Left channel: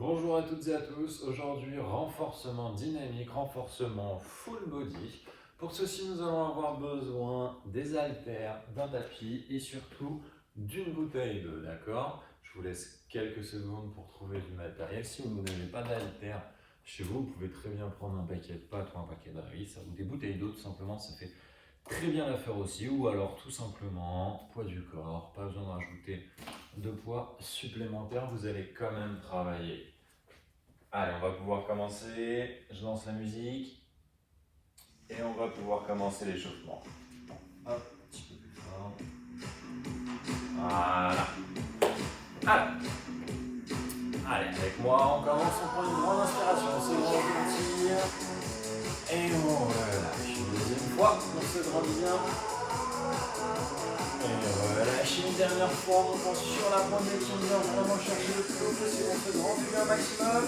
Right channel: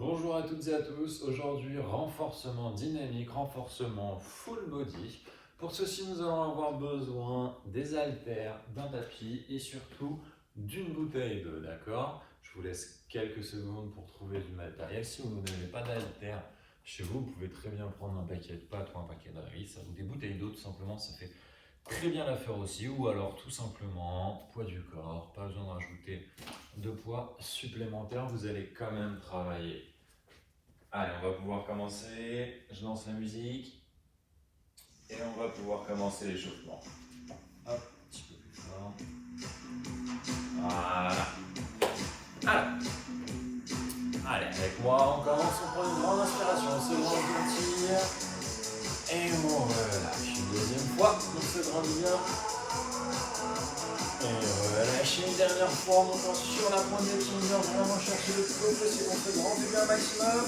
Bonjour à toutes et à tous, aujourd'hui renforcement dynamique, renforcement full body. Pour ceci nous allons avoir besoin des haltères, d'un tapis et surtout d'une bouteille d'eau, d'accord? Je vous laisse quelques secondes pour trouver du matériel. Si vous n'avez pas d'haltères chez vous, vous pouvez très bien prendre un paquet de pâtes ou un paquet de riz ou des bouteilles d'eau tout simplement, ça fait très bien l'affaire aussi. Ou alors tout simplement poids du corps, pas besoin de rajouter de poids supplémentaire, vous allez quand même travailler. Allez, on va pouvoir commencer. Je lance la musique et on va pouvoir commencer l'échauffement. Un petit peu plus fort. Voilà. Alors, allez, avec moi, on commence. On prend une grande inspiration. On se grandit et on relâche. Une deuxième fois, on se grandit bien. Et relâche une dernière fois en montant sur la pointe des pieds. On vient vraiment chercher le plus haut possible. On se grandit bien au maximum.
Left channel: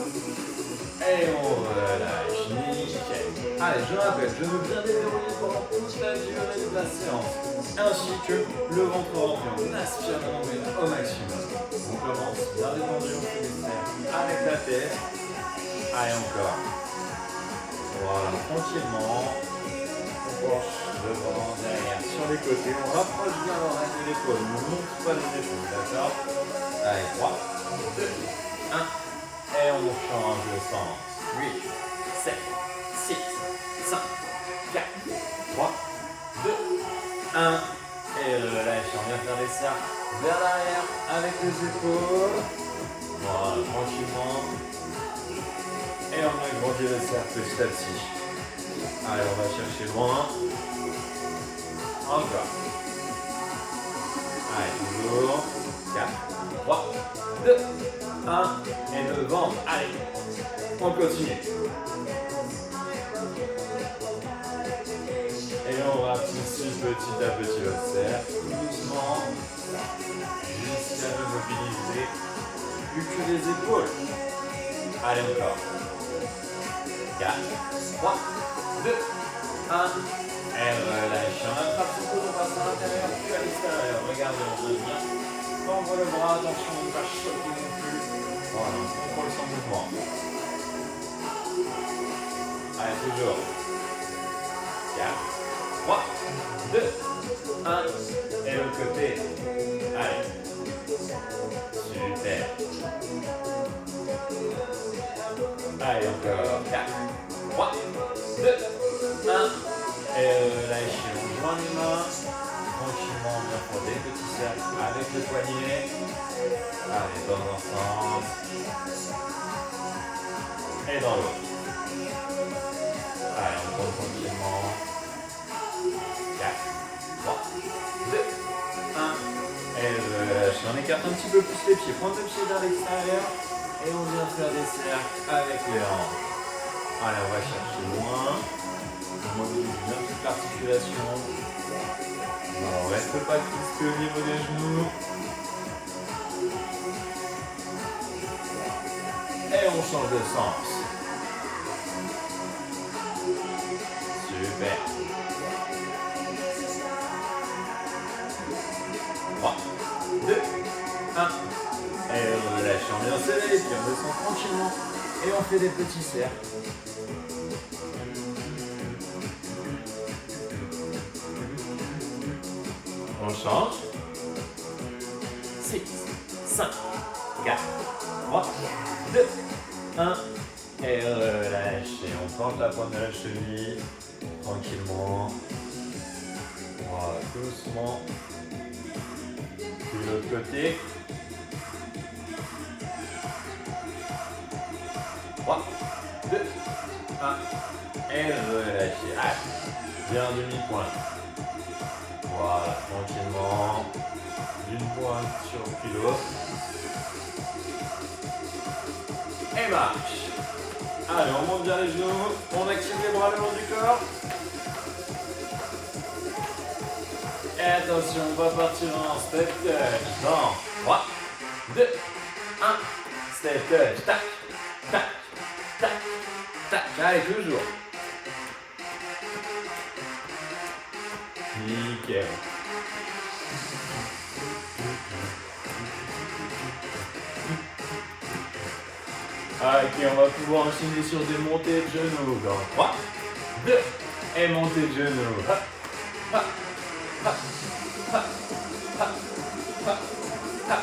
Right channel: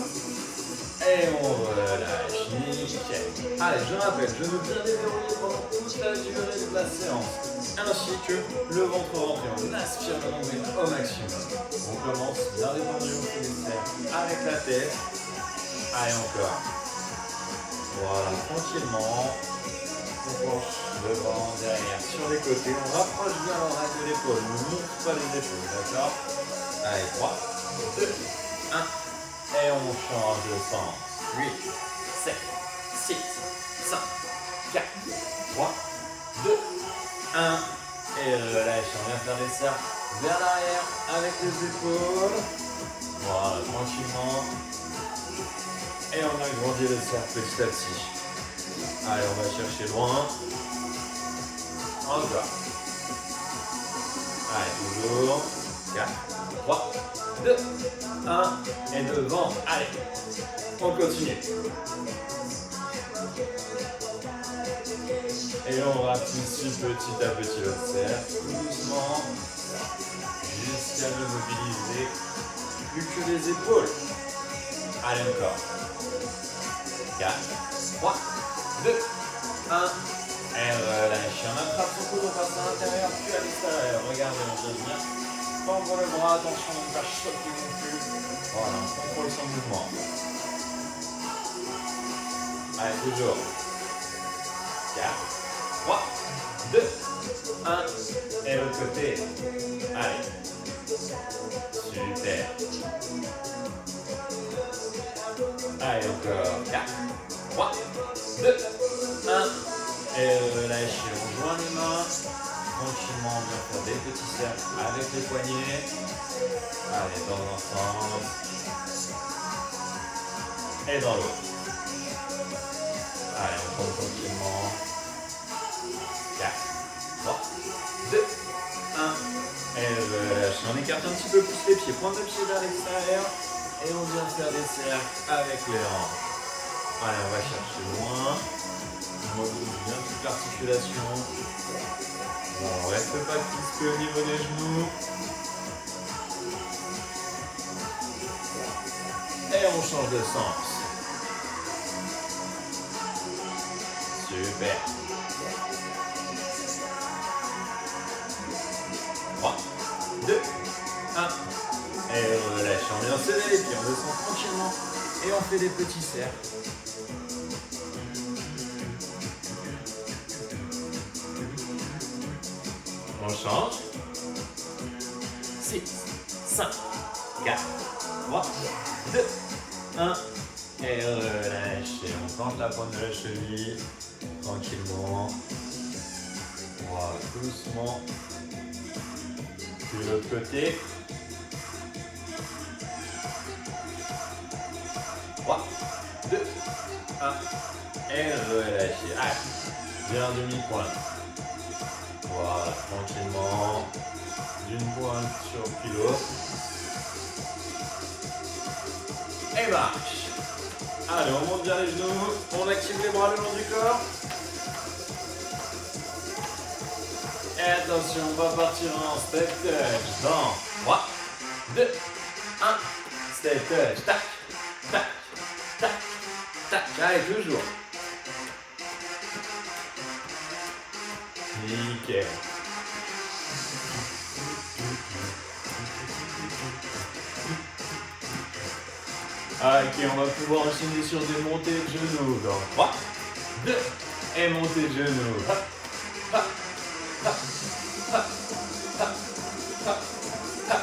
Et on relâche, nickel. Allez, je rappelle, genoux bien déverrouillés pendant toute la durée de la séance, ainsi que le ventre rempli. On aspire la nombril au maximum. On commence bien détendu, on fait des cercles avec la tête. Allez, encore. Voilà, tranquillement. On penche devant, derrière, sur les côtés. On rapproche bien l'oreille de l'épaule. On ne monte pas les épaules, d'accord? Allez, 3, 2, 1. Et on change de sens. 8, 7, 6, 5, 4, 3, 2, 1. Et relâche. On vient faire des cercles vers l'arrière avec les épaules. Voilà, tranquillement. Et on agrandit le cercle petit à petit. Allez, on va chercher loin. Encore. Allez, toujours. 4, 3, 2, 1. Et devant. Allez, on continue. Et on rapetisse petit à petit le cercle, tout doucement, jusqu'à ne mobiliser plus que les épaules. Allez, encore. 4, 3, 2, 1. Et relâche. On attrape son coude, on passe à l'intérieur, puis à l'extérieur. Regardez, on devient. On ouvre le bras, attention de ne pas choquer non plus. Voilà, on contrôle son mouvement. Allez, toujours. 4, 3, 2, 1. Et l'autre côté. Allez. Super. Allez, encore. 4, 3, 2, 1. Et relâchez. On joint les mains. Tranquillement, on vient faire des petits cercles avec les poignets. Allez, dans un sens. Et dans l'autre. Allez, on prend tranquillement. 4, 3, 2, 1. Et relâche. On écarte un petit peu plus les pieds. Pointe de pied vers l'extérieur. Et on vient faire des cercles avec les hanches. Allez, on va chercher loin. On mobilise bien toute l'articulation. On ne reste pas crispé au niveau des genoux. Et on change de sens. Super. 3, 2, 1. Et relâche. On vient serrer les pieds. On descend tranquillement. Et on fait des petits cercles. On change. 6, 5, 4, 3, 2, 1. Et relâchez. On plante la pointe de la cheville. Tranquillement. Voilà, doucement. Puis l'autre côté. 3, 2, 1. Et relâchez. Allez. Bien demi-pointe. Voilà, tranquillement. D'une pointe sur le pilote. Et marche. Allez, on monte bien les genoux. On active les bras le long du corps. Et attention, on va partir en step touch. Dans 3, 2, 1. Step touch. Tac, tac, tac, tac. Allez, toujours. Nickel. Ok, on va pouvoir enchaîner sur des montées de genoux. Dans 3, 2, et montée de genoux. Hop, hop, hop, hop, hop, hop, hop.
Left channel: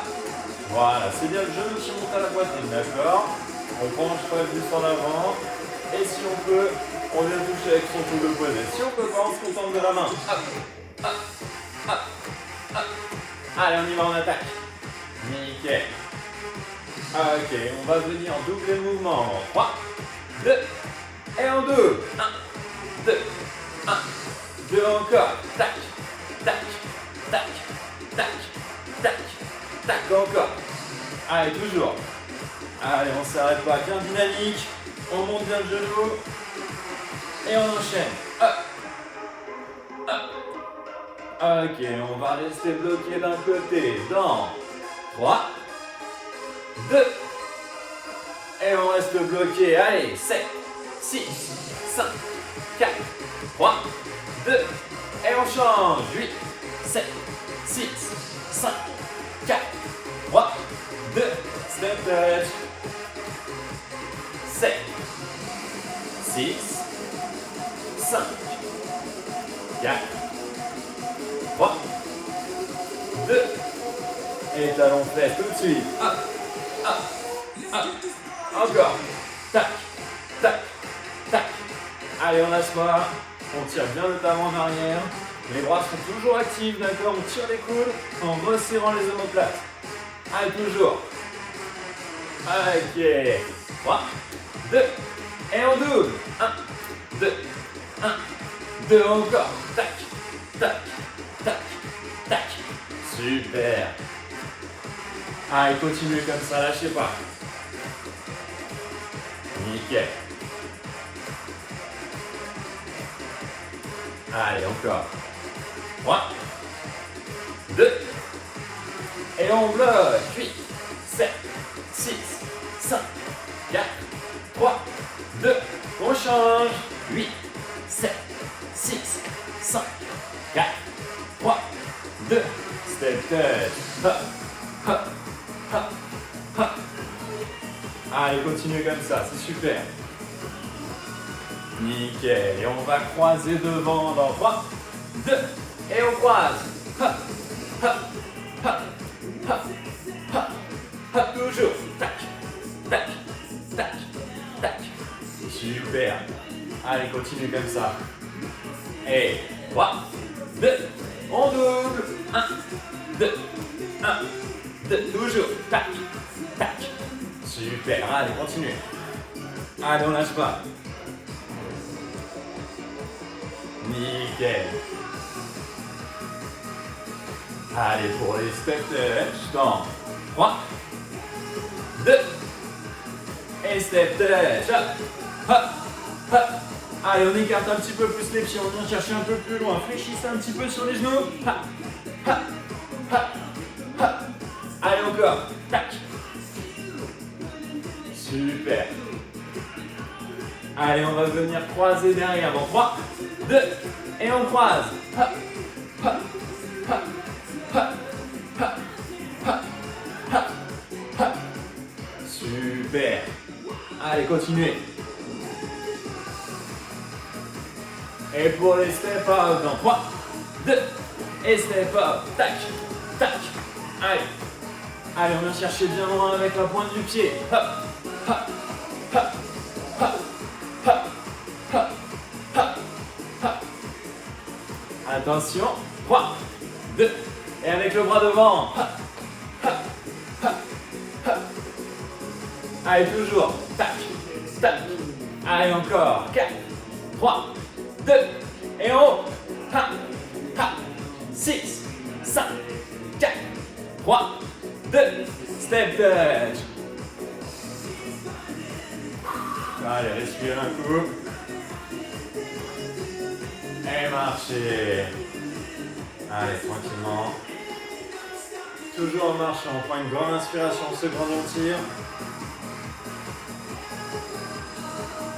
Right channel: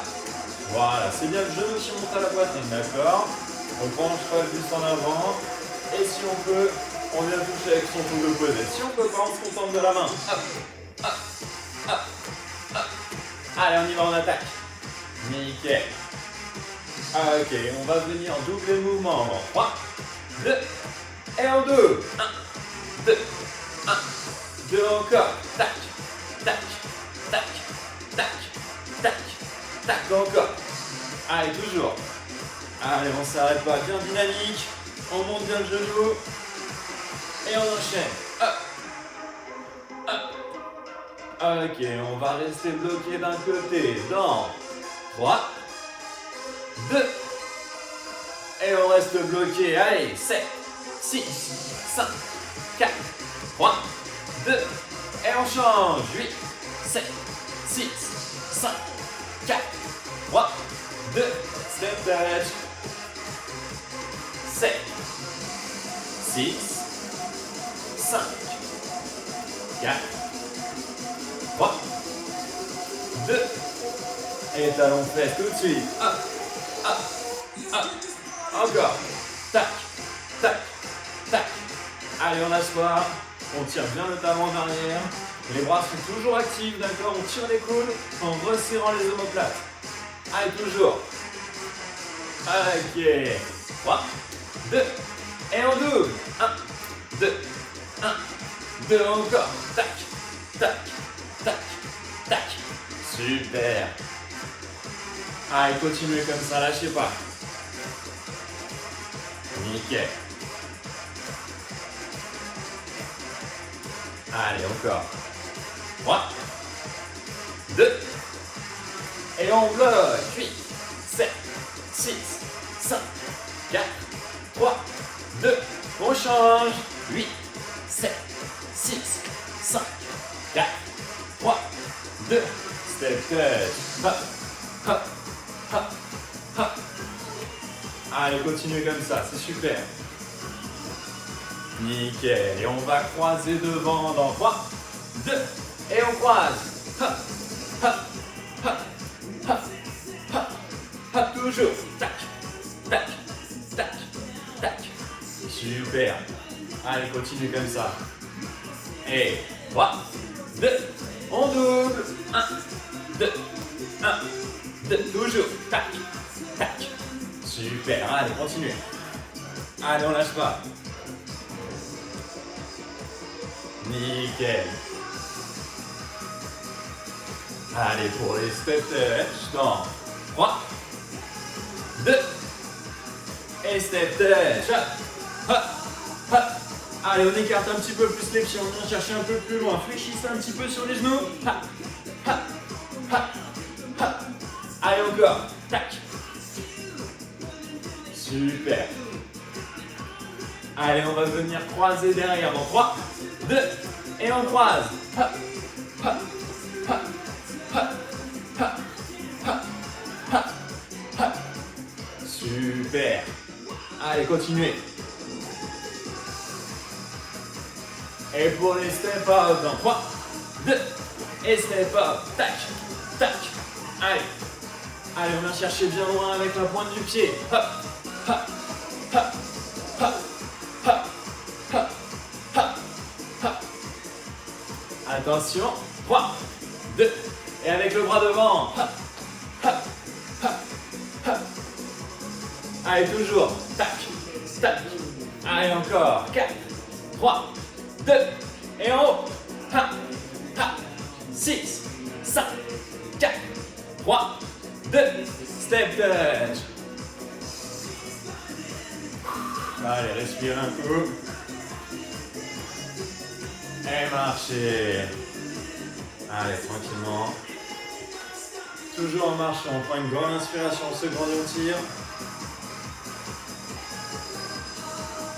Voilà, c'est bien le genou qui monte à la poitrine, d'accord? On penche pas juste en avant. Et si on peut, on vient toucher avec son coude opposé. Si on peut pas, on se contente de la main. Hop, hop, hop, hop. Allez, on y va en attaque. Nickel. Ok, on va venir doubler le mouvement en 3, 2, et en 2. 1, 2, 1, 2 encore. Tac, tac, tac, tac, tac, tac, encore. Allez, toujours. Allez, on s'arrête pas, bien dynamique. On monte bien le genou. Et on enchaîne. Hop, hop. Ok, on va rester bloqué d'un côté. Dans 3, 2, et on reste bloqué. Allez, 7, 6, 5, 4, 3, 2, et on change. 8, 7, 6, 5, 4, 3, 2, step touch. 7, 6, 5, 4, 3, 2, et talon fait tout de suite. Hop, hop, hop. Encore. Tac, tac, tac. Allez, on lâche pas. On tire bien le talon en arrière. Les bras sont toujours actifs, d'accord? On tire les coudes en resserrant les omoplates. Allez, toujours. Ok. 3, 2, et on double. 1, 2, 1, 2, encore. Tac, tac, tac, tac. Super. Allez, continuez comme ça, lâchez pas. Nickel. Allez, encore. 3, 2, et on bloque. 8, 7, 6, 5, 4, 3, 2, on change. 8, 7, 6, 5, 4, 3, 2, step touch. Hop, hop, hop, hop. Allez, continuez comme ça, c'est super. Nickel. Et on va croiser devant dans 3, 2, et on croise. Hop, hop, hop, hop, hop, hop, toujours. Tac, tac, tac, tac. Super. Allez, continuez comme ça. Et 3, 2, on double. 1, 2, 1, 2, toujours. Tac, tac. Super. Allez, continuez. Allez, on lâche pas. Nickel. Allez, pour les step touch, dans 3, 2, et step touch. Hop, hop, hop. Allez, on écarte un petit peu plus les pieds, on vient chercher un peu plus loin. Fléchissez un petit peu sur les genoux. Hop, hop, hop, hop. Allez, encore. Tac. Super. Allez, on va venir croiser derrière dans 3, 2, et on croise. Hop, hop, hop, hop, hop, hop, hop, hop. Super. Allez, continuez. Et pour les step out dans 3, 2, et step out. Tac, tac. Allez. Allez, on vient chercher bien loin avec la pointe du pied. Hop, hop, hop, hop, hop, hop, hop, hop. Attention. 3, 2, et avec le bras devant. Hop, hop, hop, hop. Allez, toujours. Tac, tac. Allez, encore. 4, 3, 2, et en haut. 1, 6, 5, 4, 3, 2, step touch. Allez, respirez un coup. Et marchez. Allez, tranquillement. Toujours en marchant, on prend une grande inspiration, on se grandit, on tire.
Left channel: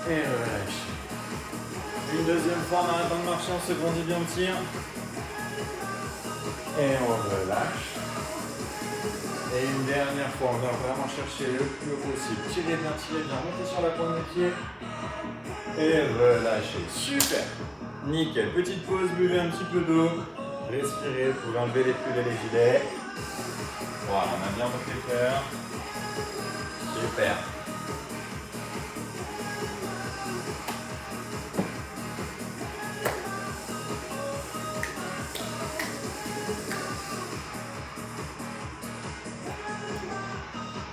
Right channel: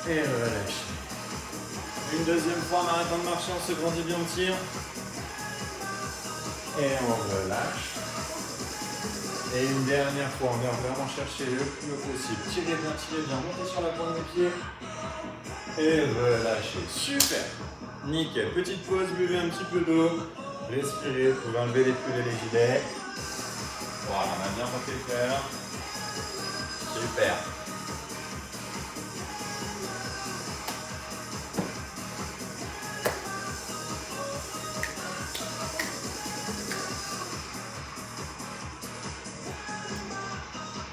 Et relâche. Une deuxième fois en arrêtant de marcher, on se grandit bien, on tire. Et on relâche. Et une dernière fois, on va vraiment chercher le plus haut possible. Tirez bien, montez sur la pointe des pieds. Et relâchez. Super. Nickel. Petite pause, buvez un petit peu d'eau. Respirez, vous pouvez enlever les pulls et les gilets. Voilà, on a bien monté le cœur. Super.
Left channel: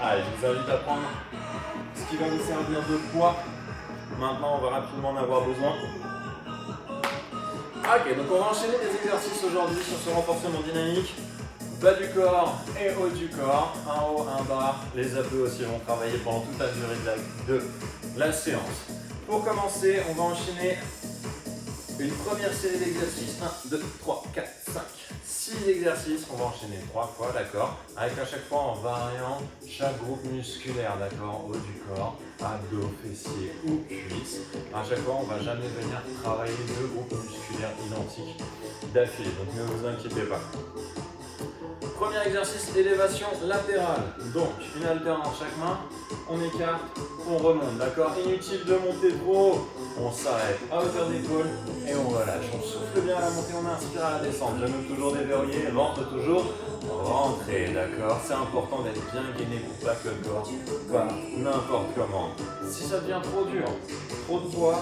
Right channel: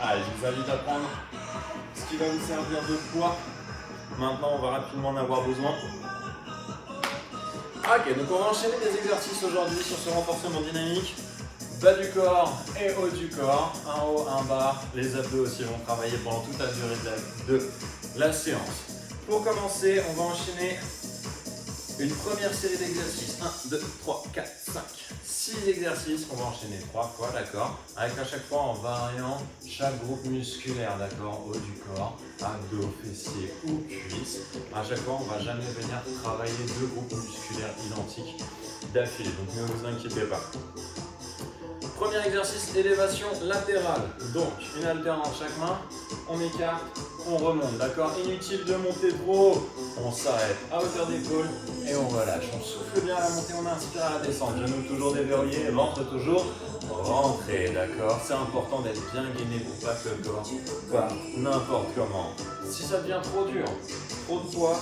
Allez, je vous invite à prendre ce qui va vous servir de poids. Maintenant, on va rapidement en avoir besoin. Ok, donc on va enchaîner des exercices aujourd'hui sur ce renforcement dynamique. Bas du corps et haut du corps. Un haut, un bas. Les abdos aussi vont travailler pendant toute la durée de la séance. Pour commencer, on va enchaîner une première série d'exercices. 1, 2, 3, 4, 5, 6 exercices. On va enchaîner 3 fois, d'accord? Avec à chaque fois en variant chaque groupe musculaire, d'accord? Haut du corps, abdos, fessiers ou cuisses. À chaque fois, on ne va jamais venir travailler 2 groupes musculaires identiques d'affilée. Donc ne vous inquiétez pas. Premier exercice, élévation latérale. Donc, une haltère dans chaque main, on écarte, on remonte, d'accord? Inutile de monter trop haut, on s'arrête à hauteur d'épaule et on relâche. On souffle bien à la montée, on inspire à la descente. Genoux toujours déverrouillés, ventre toujours rentré, d'accord? C'est important d'être bien gainé pour pas que le corps parte n'importe comment. Si ça devient trop dur, trop de poids,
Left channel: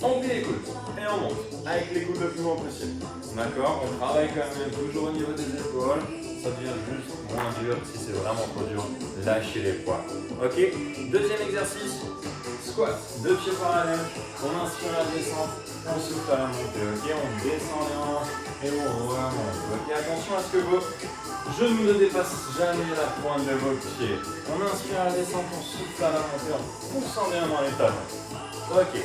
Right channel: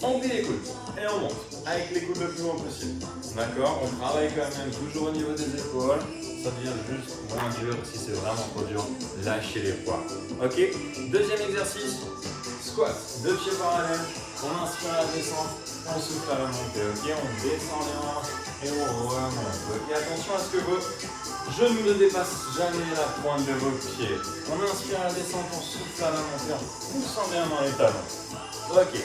on plie les coudes et on monte avec les coudes le plus loin possible. D'accord? On travaille quand même toujours au niveau des épaules. Ça devient juste moins dur. Si c'est vraiment trop dur, lâchez les poids. Ok? Deuxième exercice, squat. 2 pieds parallèles. On inspire à la descente. On souffle à la montée. Ok? On descend les hanches et on remonte. Ok? Attention à ce que vos genoux ne dépassent jamais la pointe de vos pieds. On inspire à la descente. On souffle à la montée en poussant bien dans les talons. Ok.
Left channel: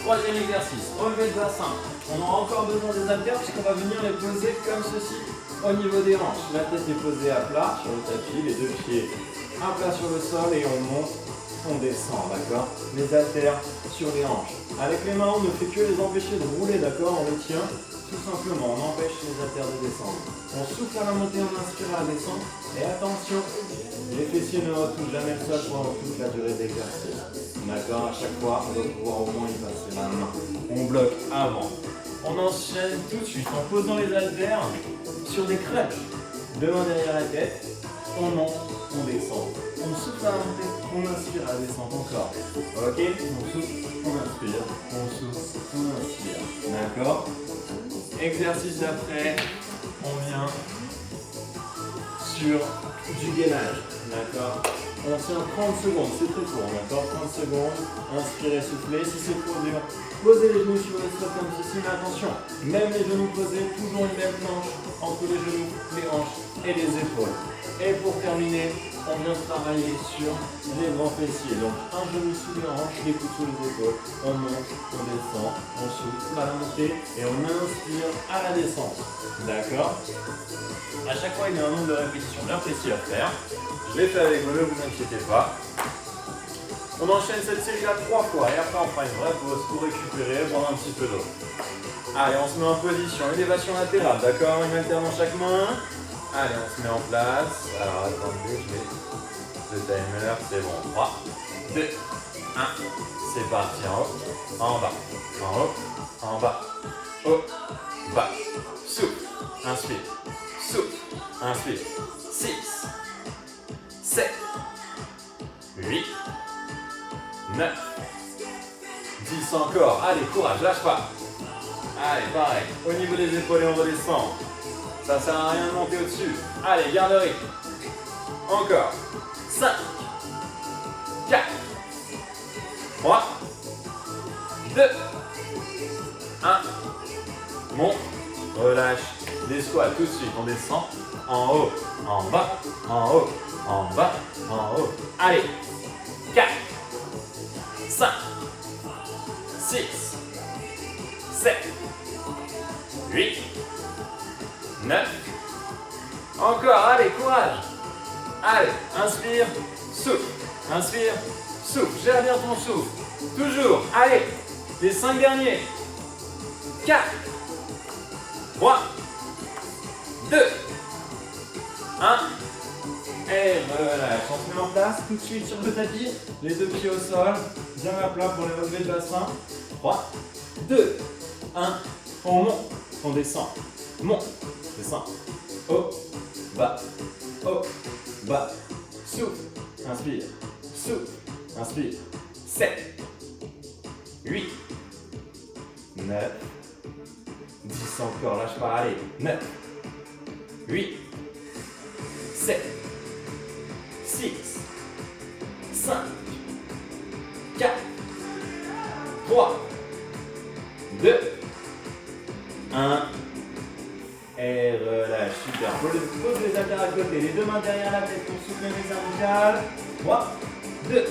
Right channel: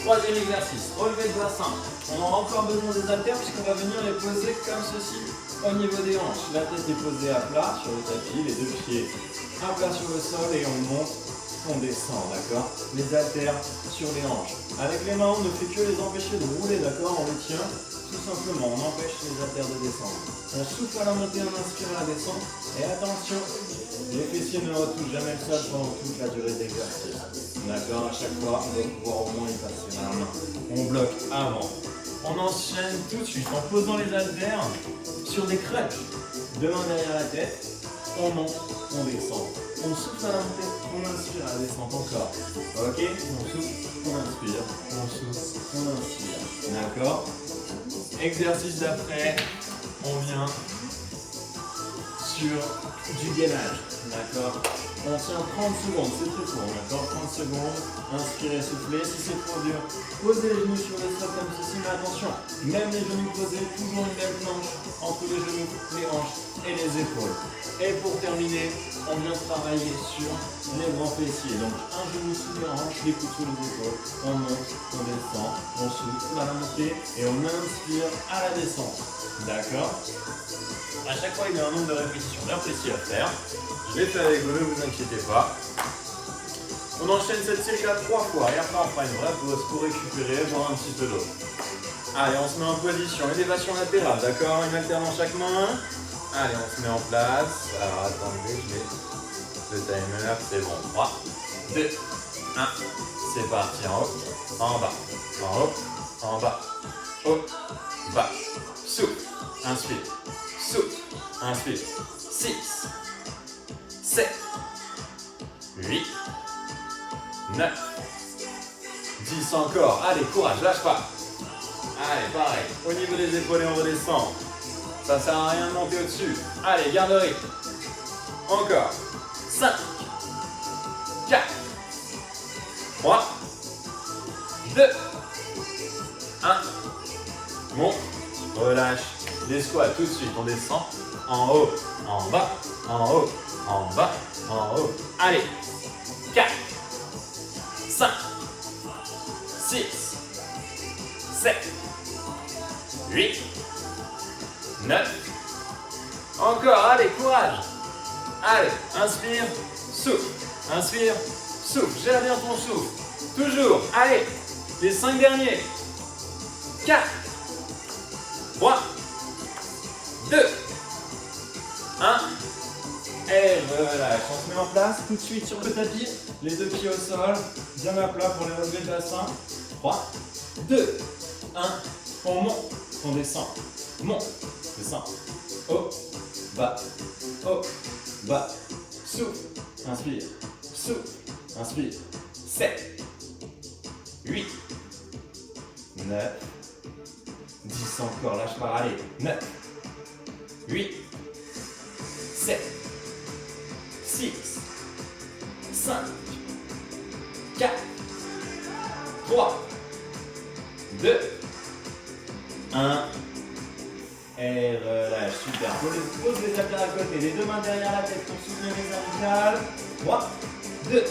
Troisième exercice, relevé de bassin. On aura encore besoin des haltères puisqu'on va venir les poser comme ceci au niveau des hanches. La tête est posée à plat sur le tapis, les 2 pieds à plat sur le sol et on monte, on descend, d'accord? Les haltères sur les hanches. Avec les mains, on ne fait que les empêcher de rouler, d'accord? On les tient tout simplement, on empêche les haltères de descendre. On souffle à la montée, on inspire à la descente. Et attention, les fessiers ne retouchent jamais le sol pendant toute la durée de l'exercice. D'accord? À chaque fois, on doit pouvoir au moins y passer la main. On bloque avant. On enchaîne tout de suite en posant les haltères sur des crêpes. Devant derrière la tête, on monte, on descend. On souffle à la montée, on inspire à la descente encore. Ok? On souffle, on inspire, on souffle, on inspire. D'accord? Exercice d'après, on vient sur du gainage. D'accord? On tient 30 secondes, c'est très court, d'accord? 30 secondes, inspirez, soufflez. Si c'est trop dur, posez les genoux sur les sols comme ceci, mais attention, même les genoux posés, toujours une belle planche entre les genoux, les hanches et les épaules. Et pour terminer, on vient travailler sur les grands fessiers. Donc un genou sous les hanches, les coudes sous les épaules. On monte, on descend, on souffle à la montée et on inspire à la descente. D'accord? À chaque fois, il y a un nombre de répétitions bien précis à faire. Je l'ai fait avec vous, ne vous inquiétez pas. On enchaîne cette série à 3 fois et après on fera une vraie pause pour récupérer, boire un petit peu d'eau. Allez, on se met en position, élévation latérale, d'accord? Une haltère dans chaque main. Allez, on se met en place. Alors attendez, je mets le timer, c'est bon. 3, 2, 1, c'est parti. En haut, en bas, en haut, en bas, haut, bas. Souffle, inspire, souffle, inspire. 6, 7, 8, 9, 10 encore. Allez, courage, lâche pas. Allez, pareil. Au niveau des épaules et on redescend. Ça sert à rien de monter au-dessus. Allez, garde le rythme. Encore. 5, 4, 3, 2, 1. Monte, relâche. Les squats tout de suite. On descend. En haut, en bas, en haut, en bas, en haut. Allez. 4, 5, 6, 7, 8, 9. Encore, allez, courage. Allez, inspire, souffle. Inspire, souffle. Gère bien ton souffle. Toujours, allez. Les 5 derniers. 4, 3, 2, 1. Et relâche. On se met en place tout de suite sur le tapis. Les deux pieds au sol. Bien à plat pour les relevés de bassin. 3, 2, 1. On monte. On descend. Monte. Descend. Haut. Bas. Haut. Bas. Souffle. Inspire. Souffle. Inspire. 7, 8, 9, 10 encore. Lâche pas. Allez. 9, 8, 7, 6, 5, 4, 3, 2, 1. Et relâche. Super. Pose les haltères à côté. Les deux mains derrière la tête pour soutenir les cervicales. 3, 2,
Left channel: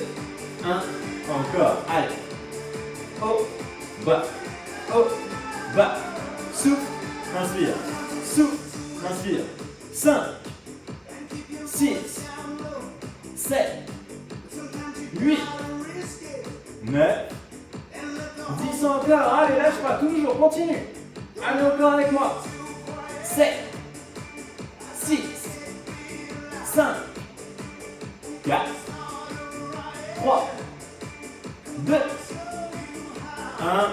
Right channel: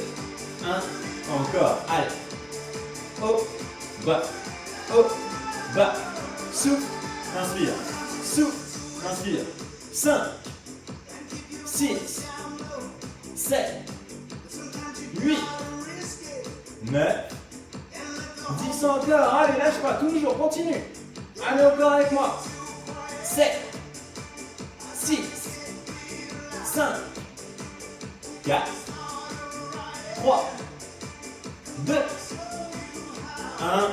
1. Encore. Allez. Haut. Bas. Haut. Bas. Souffle. Inspire. Souffle. Inspire. 5, 6, 7, 8, 9, 10 encore. Allez, lâche pas. Toujours. Continue. Allez, encore avec moi. 7, 6, 5, 4, 3, 2, 1.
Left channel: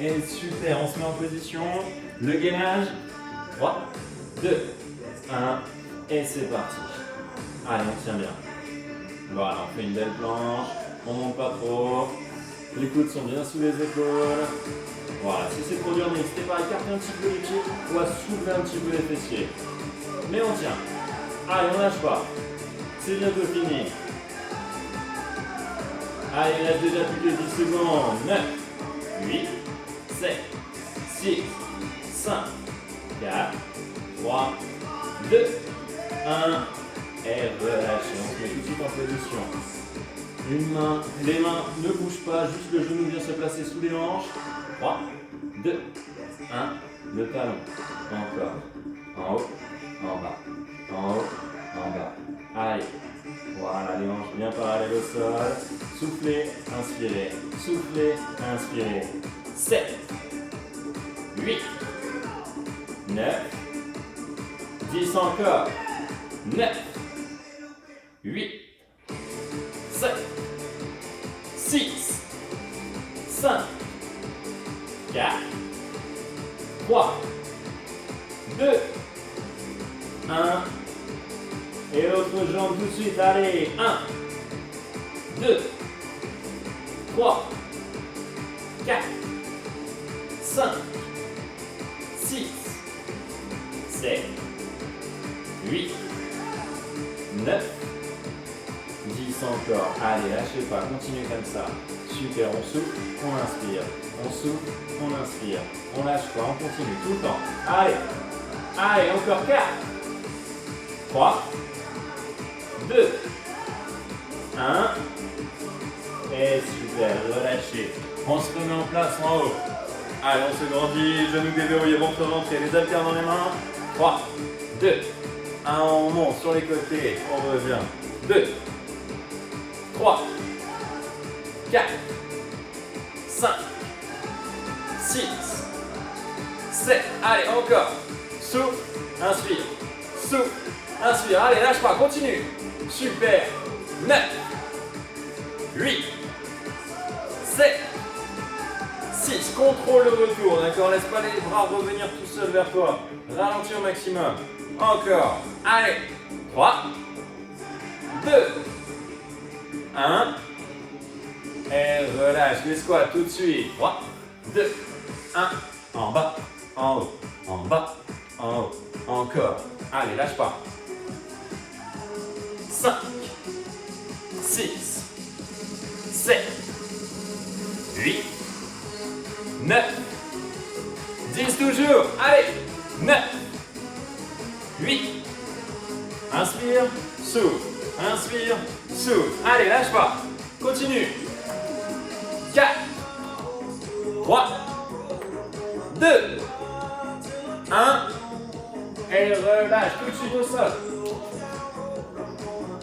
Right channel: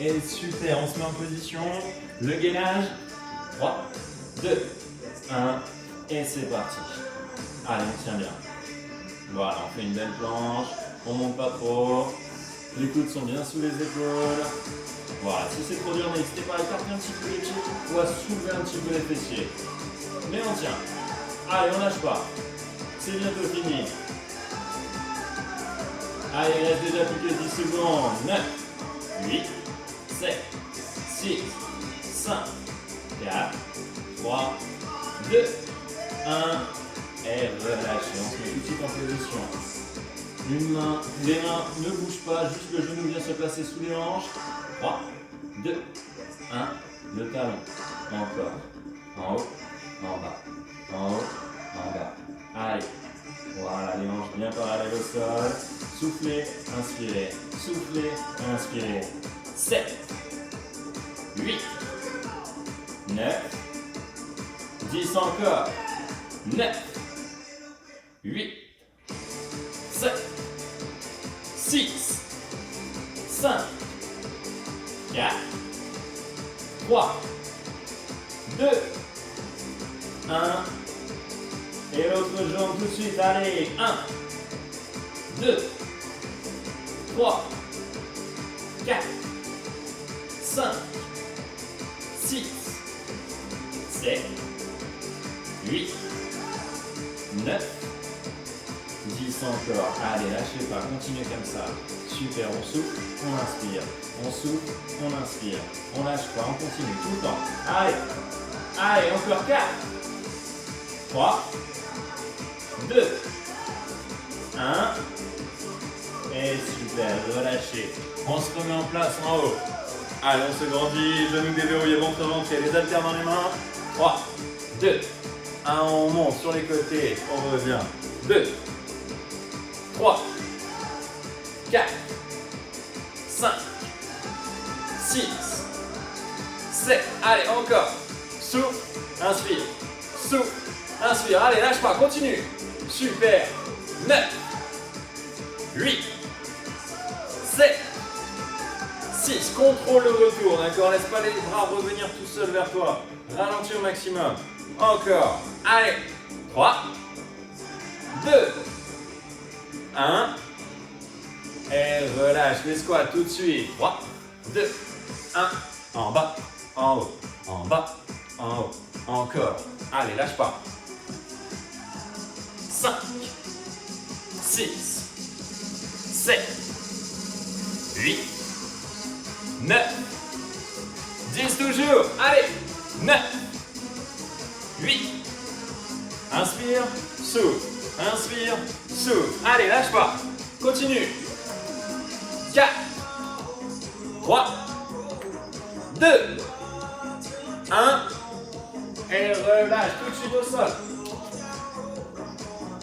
Et super, on se met en position. Le gainage. 3, 2, 1. Et c'est parti. Allez, on tient bien. Voilà, on fait une belle planche. On monte pas trop. Les coudes sont bien sous les épaules. Voilà, si c'est trop dur, n'hésitez pas à écarter un petit peu les pieds ou à soulever un petit peu les fessiers. Mais on tient. Allez, on lâche pas. C'est bientôt fini. Allez, il reste déjà plus que 10 secondes. 9, 8, 7, 6, 5, 4, 3, 2, 1. Et relâchez. On se met tout de suite en position. Une main, les mains ne bougent pas, juste le genou vient se placer sous les hanches. 3, 2, 1. Le talon. Encore. En haut, en bas. En haut, en bas. Allez. Voilà, les hanches bien parallèles au sol. Soufflez, inspirez. Soufflez, inspirez. 7, 8, 9, 10 encore. 9, 8, 7, 6, 5, 4, 3, 2, 1. Et l'autre jambe tout de suite. Allez. 1, 2, 3, 4, 5, 6, 7, 8, 9, 10 encore. Allez, lâchez pas, continuez comme ça. Super, on souffle, on inspire. On souffle, on inspire. On lâche pas, on continue tout le temps. Allez, allez, encore 4, 3, 2, 1. Et super, relâchez. On se remet en place en haut. Allez, on se grandit, genoux déverrouillés, ventre rentré, les haltères dans les mains. 3, 2, 1, on monte sur les côtés, on revient. 2, 3, 4, 5, 6, 7. Allez, encore. Souffle, inspire. Souffle, inspire. Allez, lâche pas, continue. Super. 9, 8, 7, 6. Contrôle le retour, d'accord? Laisse pas les bras revenir tout seul vers toi. Ralentis au maximum. Encore. Allez. 3, 2, 1. Et relâche les squats tout de suite. 3, 2, 1. En bas, en haut, en bas, en haut. Encore. Allez, lâche pas. 5, 6, 7, 8, 9, 10 toujours. Allez. 9, 8. Inspire, souffle. Inspire, souffle. Allez, lâche pas. Continue. 4, 3, 2, 1. Et relâche tout de suite au sol.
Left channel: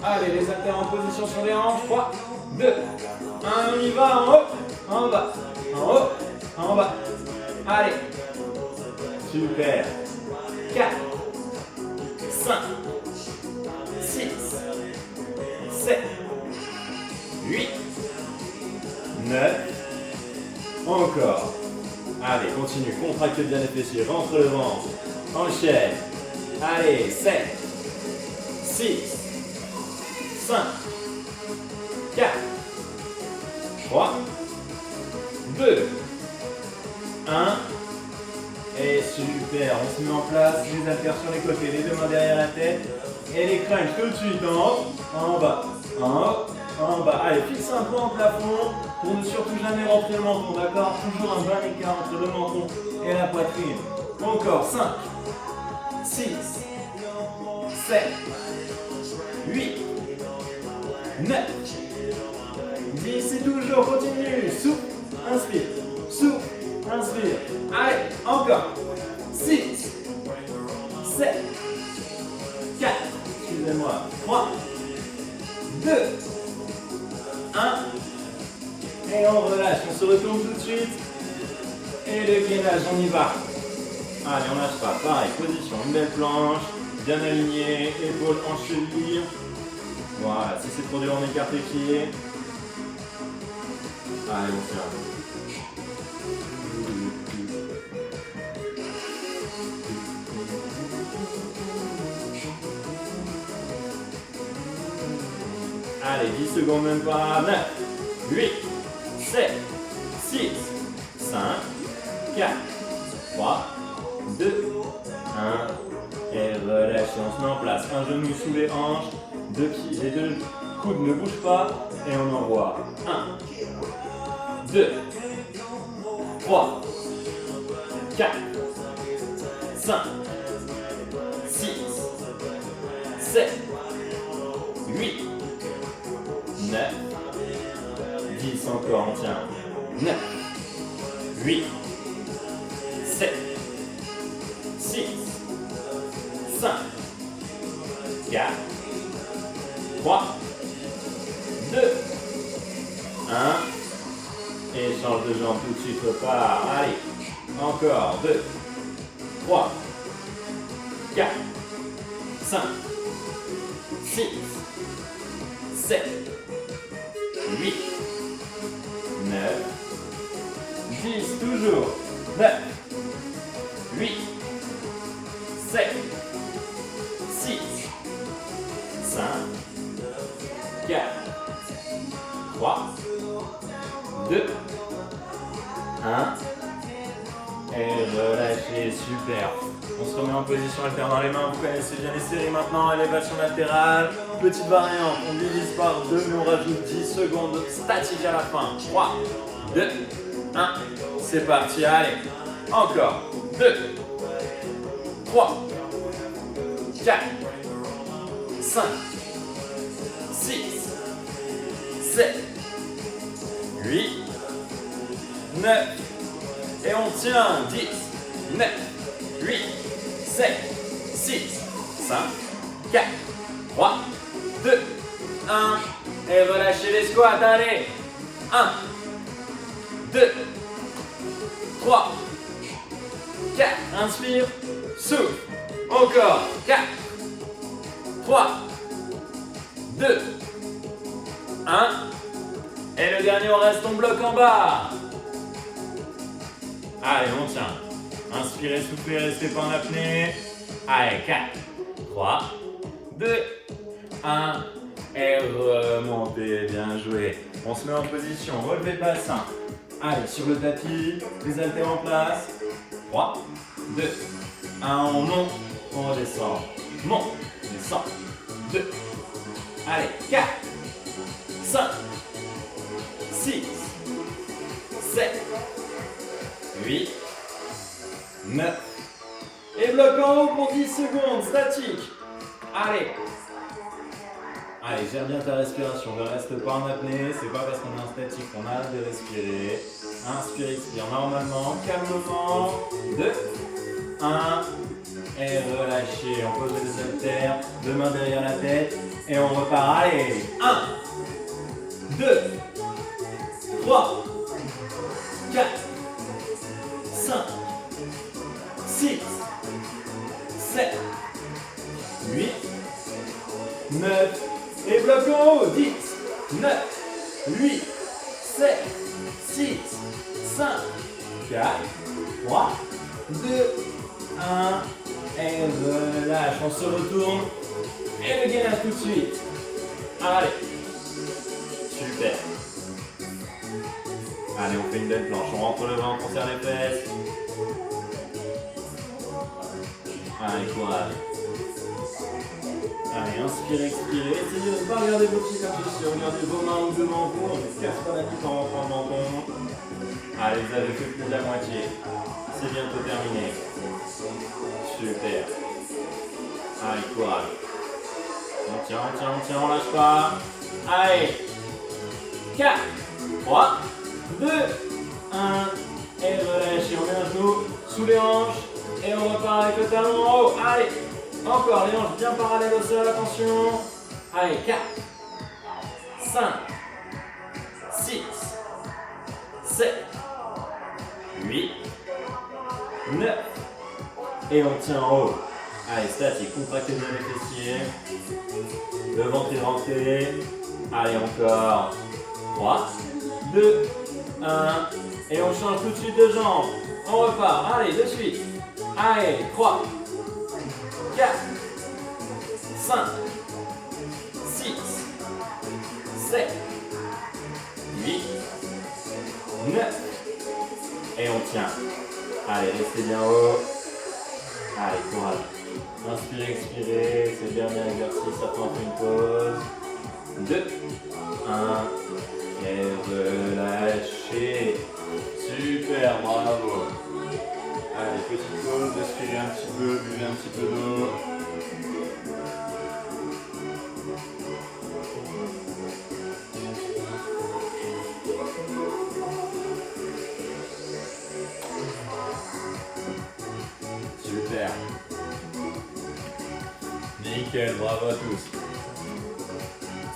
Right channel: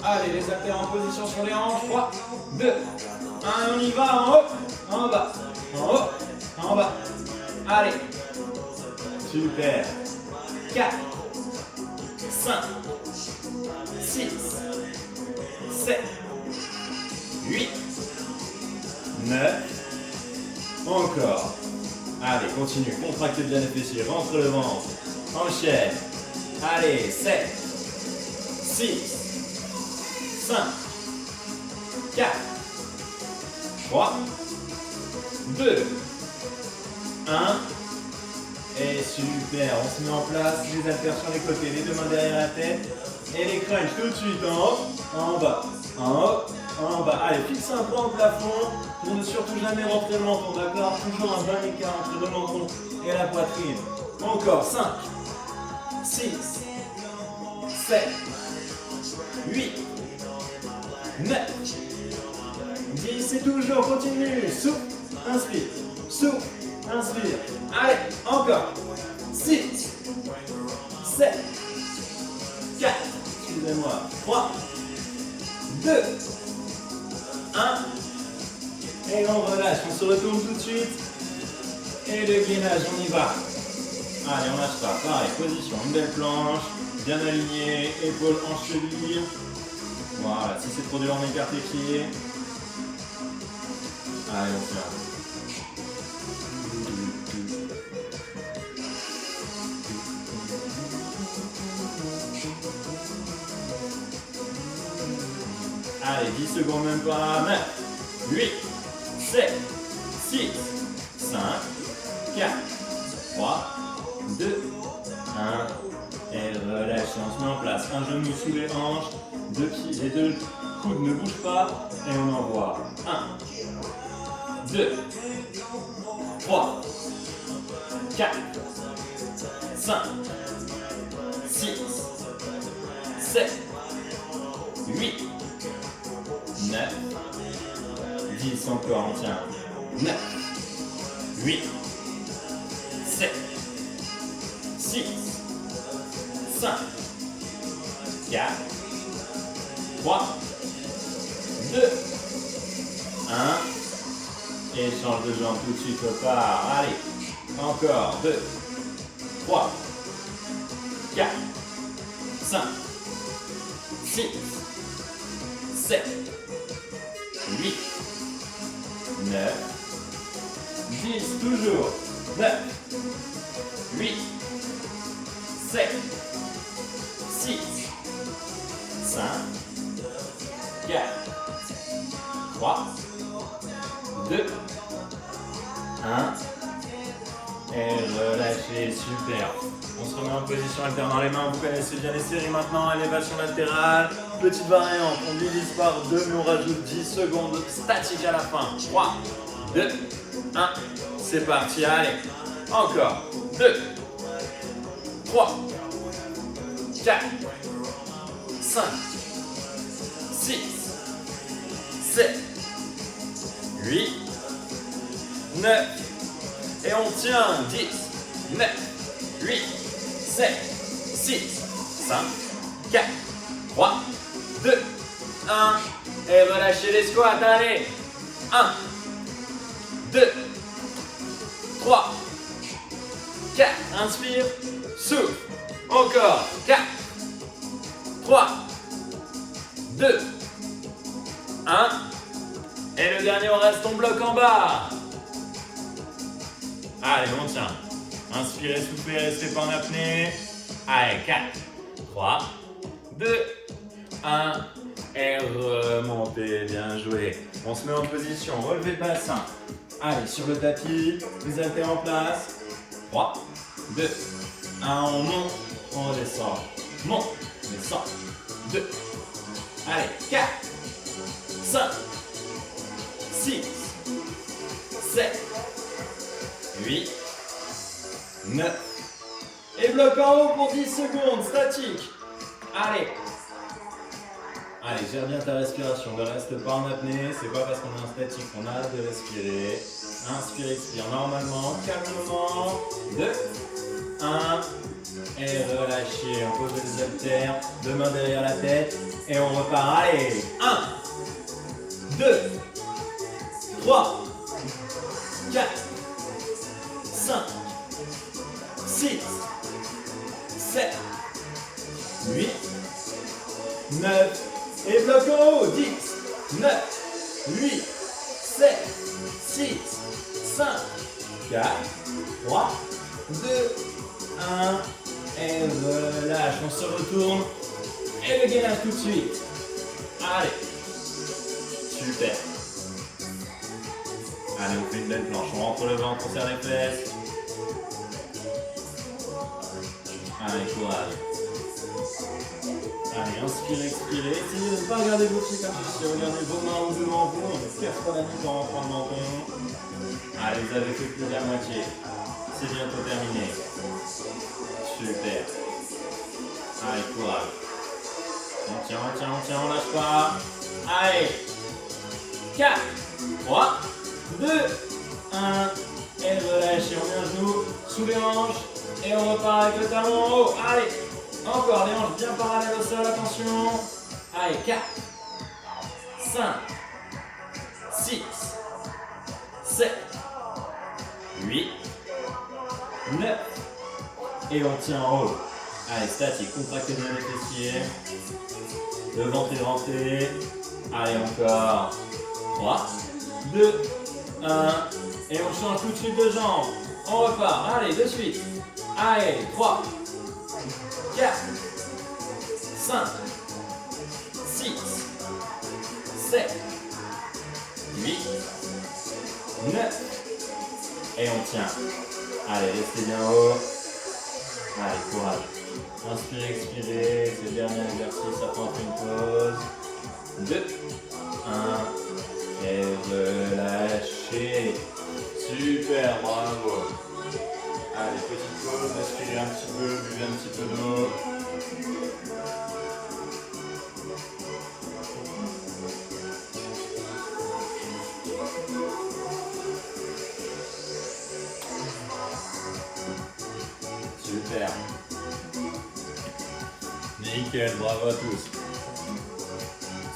Allez, les haltères en position sur les hanches. 3, 2, 1. On y va en haut, en bas, en haut, en bas. Allez. Super. 4, 5, 7, 8, 9, encore. Allez, continue, contractez bien les fessiers, rentre le ventre, enchaîne. Allez, 7, 6, 5, 4, 3, 2, 1. Et super, on se met en place, les haltères sur les côtés, les deux mains derrière la tête. Et les crunchs tout de suite en haut, en bas, en haut, en bas. Allez, fixe un point au plafond pour ne surtout jamais rentrer le menton, d'accord? Toujours un bon écart entre le menton et la poitrine. Encore, 5, 6, 7, 8, 9, 10, et toujours, continue. Souffle, inspire, souffle, inspire. Allez, encore. 6, 7, 4, excusez-moi, 3, 2, 1. Et on relâche, on se retourne tout de suite. Et le gainage, on y va. Allez, on lâche pas. Pareil, position, une belle planche, bien alignée, épaules en cheville. Voilà, si c'est trop dur, on écarte les pieds. Allez, on tient. Allez, 10 secondes même pas. 9, 8, 7, 6, 5, 4, 3, 2, 1. Et relâchez, on se met en place. Un genou sous les hanches, deux pieds, les deux coudes ne bougent pas. Et on envoie. 1, 2, 3, 4, 5, 6, 7, 8, 9, 10 encore, on tient. 9, 8, 7, 6, 5, 4, 3, 2, 1. Et change de jambe tout de suite, repart. Allez, encore. 2, 3, 4, 5, 6, 7, 8, 9, 10, toujours. 9, 8, 7, 6, 5, 4, 3, 2, 1. Et relâchez, super. On se remet en position alternant les mains, vous connaissez bien les séries maintenant, élévation latérale, petite variante, on divise par 2 mais on rajoute 10 secondes statiques à la fin. 3, 2, 1, c'est parti, allez, encore, 2, 3, 4, 5, 6, 7, 8, 9, et on tient, 10, 9, 8, 7, 6, 5, 4, 3, 2, 1. Et relâchez les squats, allez. 1, 2, 3, 4. Inspire, souffle. Encore. 4, 3, 2, 1. Et le dernier, on reste, on bloque en bas. Allez, on tient. Inspirez, soufflez, restez pas en apnée. Allez, 4, 3, 2, 1. Et remontez, bien joué. On se met en position, relevez le bassin. Allez, sur le tapis, les haltères en place. 3, 2, 1, on monte, on redescend. Monte, descend. 2, allez, 4, 5, 6, 7, 8, 9. Et bloc en haut pour 10 secondes, statique. Allez. Allez, gère bien ta respiration, ne reste pas en apnée, c'est pas parce qu'on est en statique qu'on arrête de respirer. Inspire, expire normalement, calmement. 2, 1. Et relâchez, on pose les haltères, deux mains derrière la tête. Et on repart, allez. 1, 2, 3, 4, 5, 6, 7, 8, 9, et bloc en haut, 10, 9, 8, 7, 6, 5, 4, 3, 2, 1. Et relâche, on se retourne. Et le gainage tout de suite. Allez. Super. Allez, on fait une belle planche. On rentre le ventre, on serre les fesses. Allez, courage. Allez, inspirez, expirez. Essayez de ne pas regarder vos pieds comme ceci. Regardez vos mains devant vous. On ne casse pas la nuque en rentrant le menton. Allez, vous avez fait plus de la moitié. C'est bientôt terminé. Super. Allez, courage. On tient, on lâche pas. Allez. 4, 3, 2, 1. Et relâchez. On met un genou sous les hanches. Et on repart avec le talon en haut. Allez. Encore, les hanches bien parallèles au sol. Attention. Allez, 4, 5, 6, 7, 8, 9. Et on tient en haut. Allez, statique, contractez bien les fessiers. Le ventre est rentré. Allez, encore. 3, 2, 1. Et on change tout de suite de jambe. On repart. Allez, de suite. Allez, 3, 4, 5, 6, 7, 8, 9. Et on tient. Allez, restez bien haut. Allez, courage. Inspirez, expirez. C'est le dernier exercice. Après, on fait une pause. 2, 1. Et relâchez. Super, bravo. Allez, petite pause. Respirez un petit peu. Buvez un petit peu d'eau. Super. Nickel, bravo à tous.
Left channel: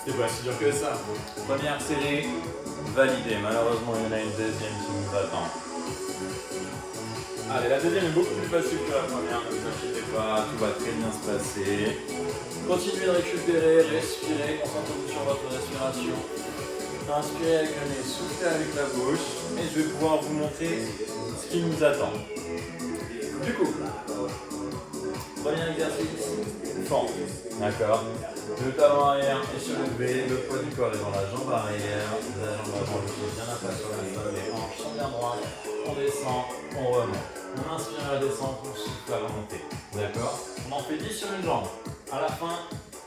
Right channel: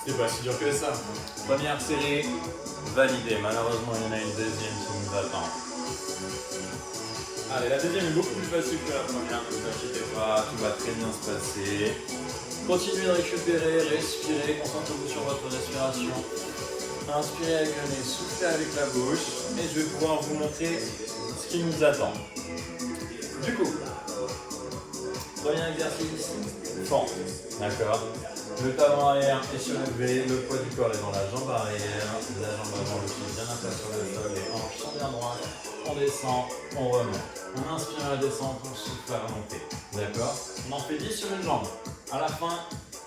C'est pas si dur que ça. Première série validée. Malheureusement, il y en a une deuxième qui nous attend. Allez, la deuxième est beaucoup plus facile que la première. Ne vous inquiétez pas, tout va très bien se passer. Continuez de récupérer, respirez, concentrez-vous sur votre respiration. Inspirez avec le nez, soufflez avec la bouche. Et je vais pouvoir vous montrer ce qui nous attend. Du coup, premier exercice, fente, d'accord. Le talon arrière est surélevé, le poids du corps est dans la jambe arrière, la jambe avant, le pied bien à plat sur le sol, les hanches sont bien droites, on descend, on remonte. On inspire à la descente, on souffle à la montée, d'accord. On en fait 10 sur une jambe. À la fin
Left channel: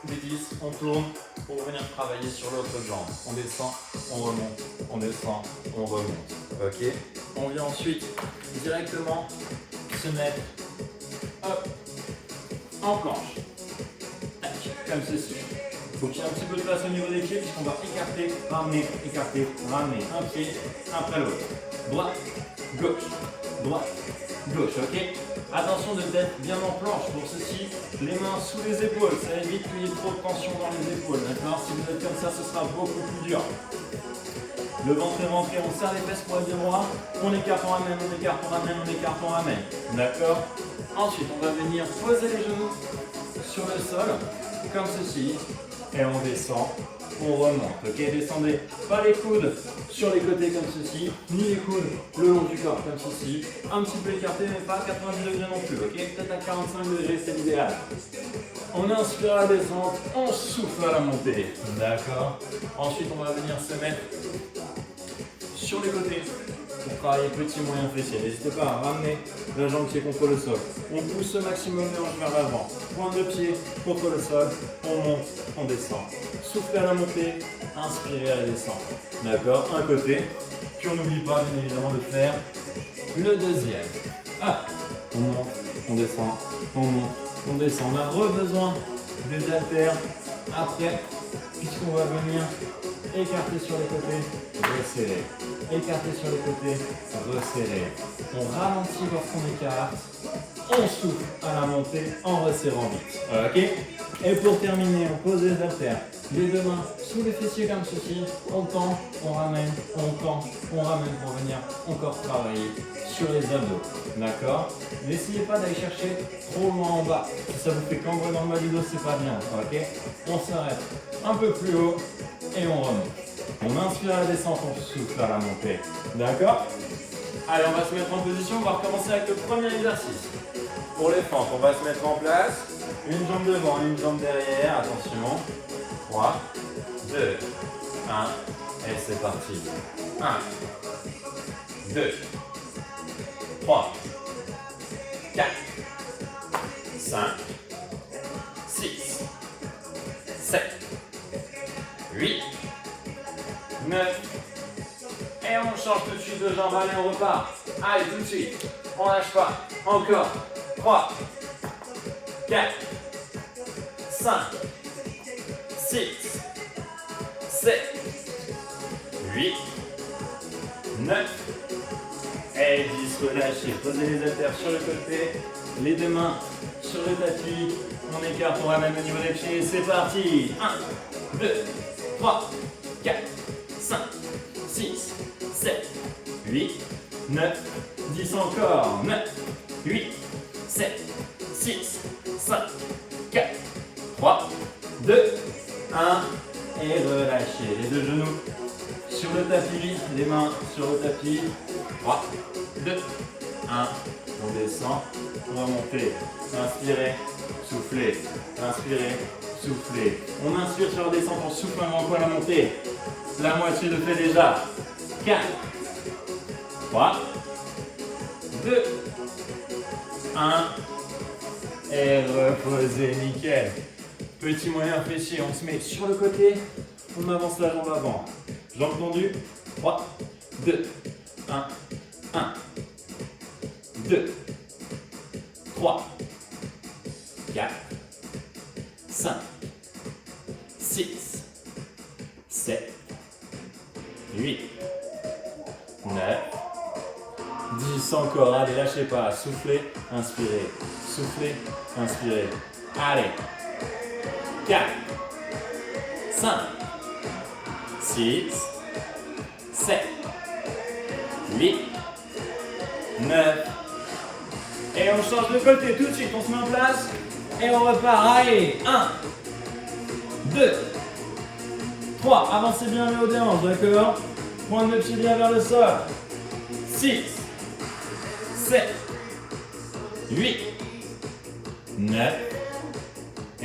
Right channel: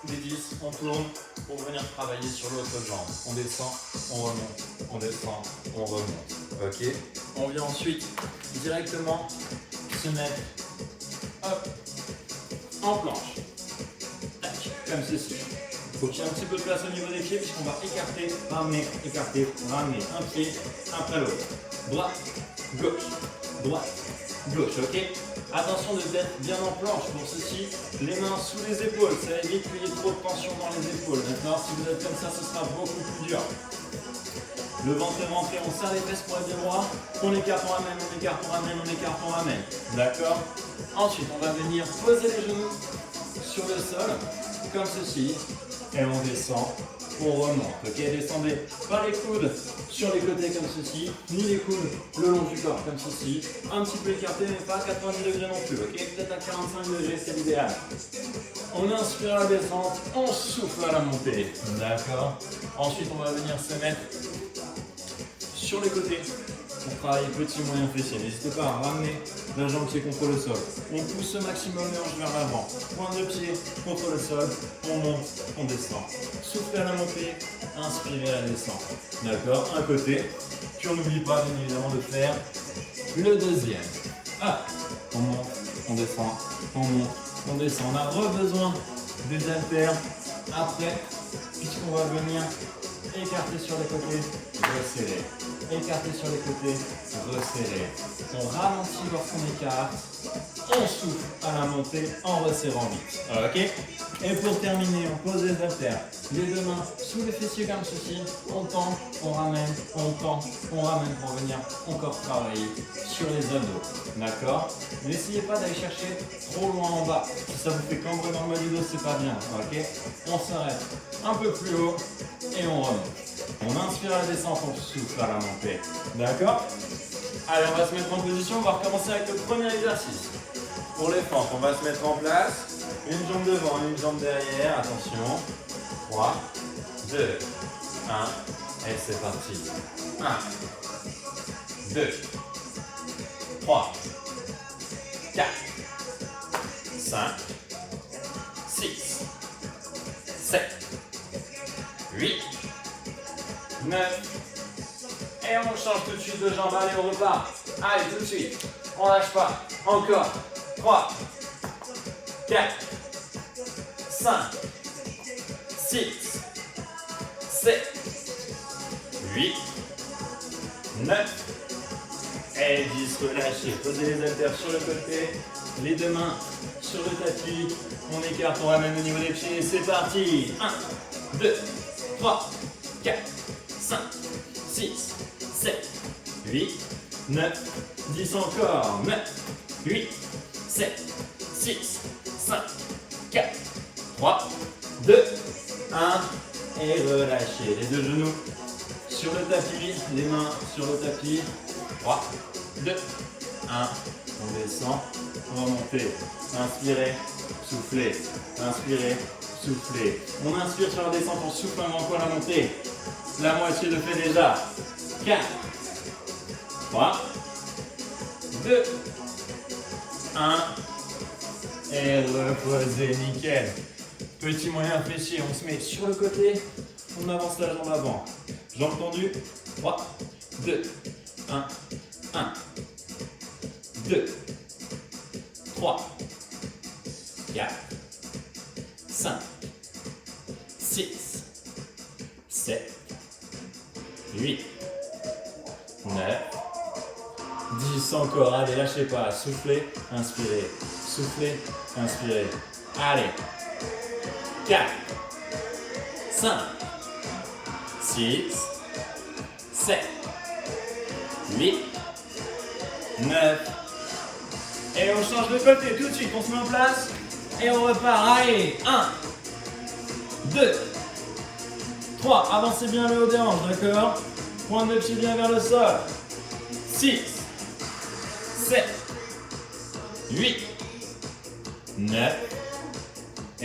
des 10, on tourne pour venir travailler sur l'autre jambe. On descend, on remonte, on descend, on remonte, ok. On vient ensuite directement se mettre hop, en planche, comme ceci. Il faut qu'il y ait un petit peu de place au niveau des pieds puisqu'on va écarter, ramener, un pied après l'autre. Droite, gauche, ok. Attention d'être bien en planche. Pour ceci, les mains sous les épaules, ça évite qu'il y ait trop de tension dans les épaules. Maintenant, si vous êtes comme ça, ce sera beaucoup plus dur. Le ventre est rentré, on serre les fesses pour être bien droit. On écarte, on ramène, on écarte, on ramène, on écarte, on ramène. D'accord. Ensuite, on va venir poser les genoux sur le sol, comme ceci. Et on descend, on remonte. Ok, descendez pas les coudes sur les côtés comme ceci, ni les coudes le long du corps comme ceci. Un petit peu écarté, mais pas à 90 degrés non plus. Ok, peut-être à 45 degrés, c'est l'idéal. On inspire à la descente, on souffle à la montée. D'accord. Ensuite, on va venir se mettre sur les côtés pour travailler petit moyen fessier. N'hésitez pas à ramener la jambe qui est contre le sol. On pousse au maximum les hanches vers l'avant. Pointe de pied contre le sol. On monte, on descend. Soufflez à la montée, inspirez à la descente. D'accord. Un côté. Puis on n'oublie pas bien évidemment de faire le deuxième. Ah. On monte, on descend, on monte, on descend. On a besoin des haltères après, puisqu'on va venir écarter sur les côtés, resserrer. Écarter sur les côtés, resserrer. On ralentit lorsqu'on écarte, on souffle à la montée en resserrant vite. Ok? Et pour terminer, on pose les haltères. Les deux mains sous les fessiers comme ceci. On tend, on ramène, on tend, on ramène pour venir encore travailler sur les abdos. D'accord? N'essayez pas d'aller chercher trop loin en bas. Si ça vous fait cambrer dans le bas du dos, c'est pas bien. Ok? On s'arrête un peu plus haut et on remonte. On inspire à la descente, on souffle à la montée. D'accord? Allez, on va se mettre en position. On va recommencer avec le premier exercice. Pour les fentes, on va se mettre en place. Une jambe devant, une jambe derrière. Attention. 3, 2, 1. Et c'est parti. 1, 2, 3, 4, 5, 6, 7, 8, 9. Et on change tout de suite de jambe. Allez, on repart. Allez, tout de suite. On lâche pas. Encore. 3, 4, 5, 6, 7, 8, 9 et 10. Relâchez. Posez les haltères sur le côté. Les deux mains sur le tapis. On écarte, on ramène au niveau des pieds. C'est parti. 1, 2, 3, 4, 5, 6, 7, 8, 9, 10 encore. 9, 8, 7, 6, 5, 4, 3, 2, 1. Et relâchez. Les deux genoux sur le tapis. Les mains sur le tapis. 3, 2, 1. On descend. On va monter. Inspirez. Soufflez. Inspirez. Soufflez. On inspire sur la descente. On souffle avant qu'on la montée. La moitié le fait déjà. 4, 3, 2, 1. Et reposez, nickel. Petit moyen fléché, on se met sur le côté, on avance la jambe avant. Jambe tendue, 3, 2, 1, 1, 2, 3, 4, 5, 6, 7, 8, 9, 10 encore. Allez, lâchez pas, soufflez, inspirez, soufflez, inspirez. Allez. 4, 5, 6, 7, 8, 9. Et on change de côté tout de suite. On se met en place et on repart. Allez, 1, 2, 3. Avancez bien le haut des hanches, d'accord? Pointe de pied bien vers le sol. 6, 7, 8, 9.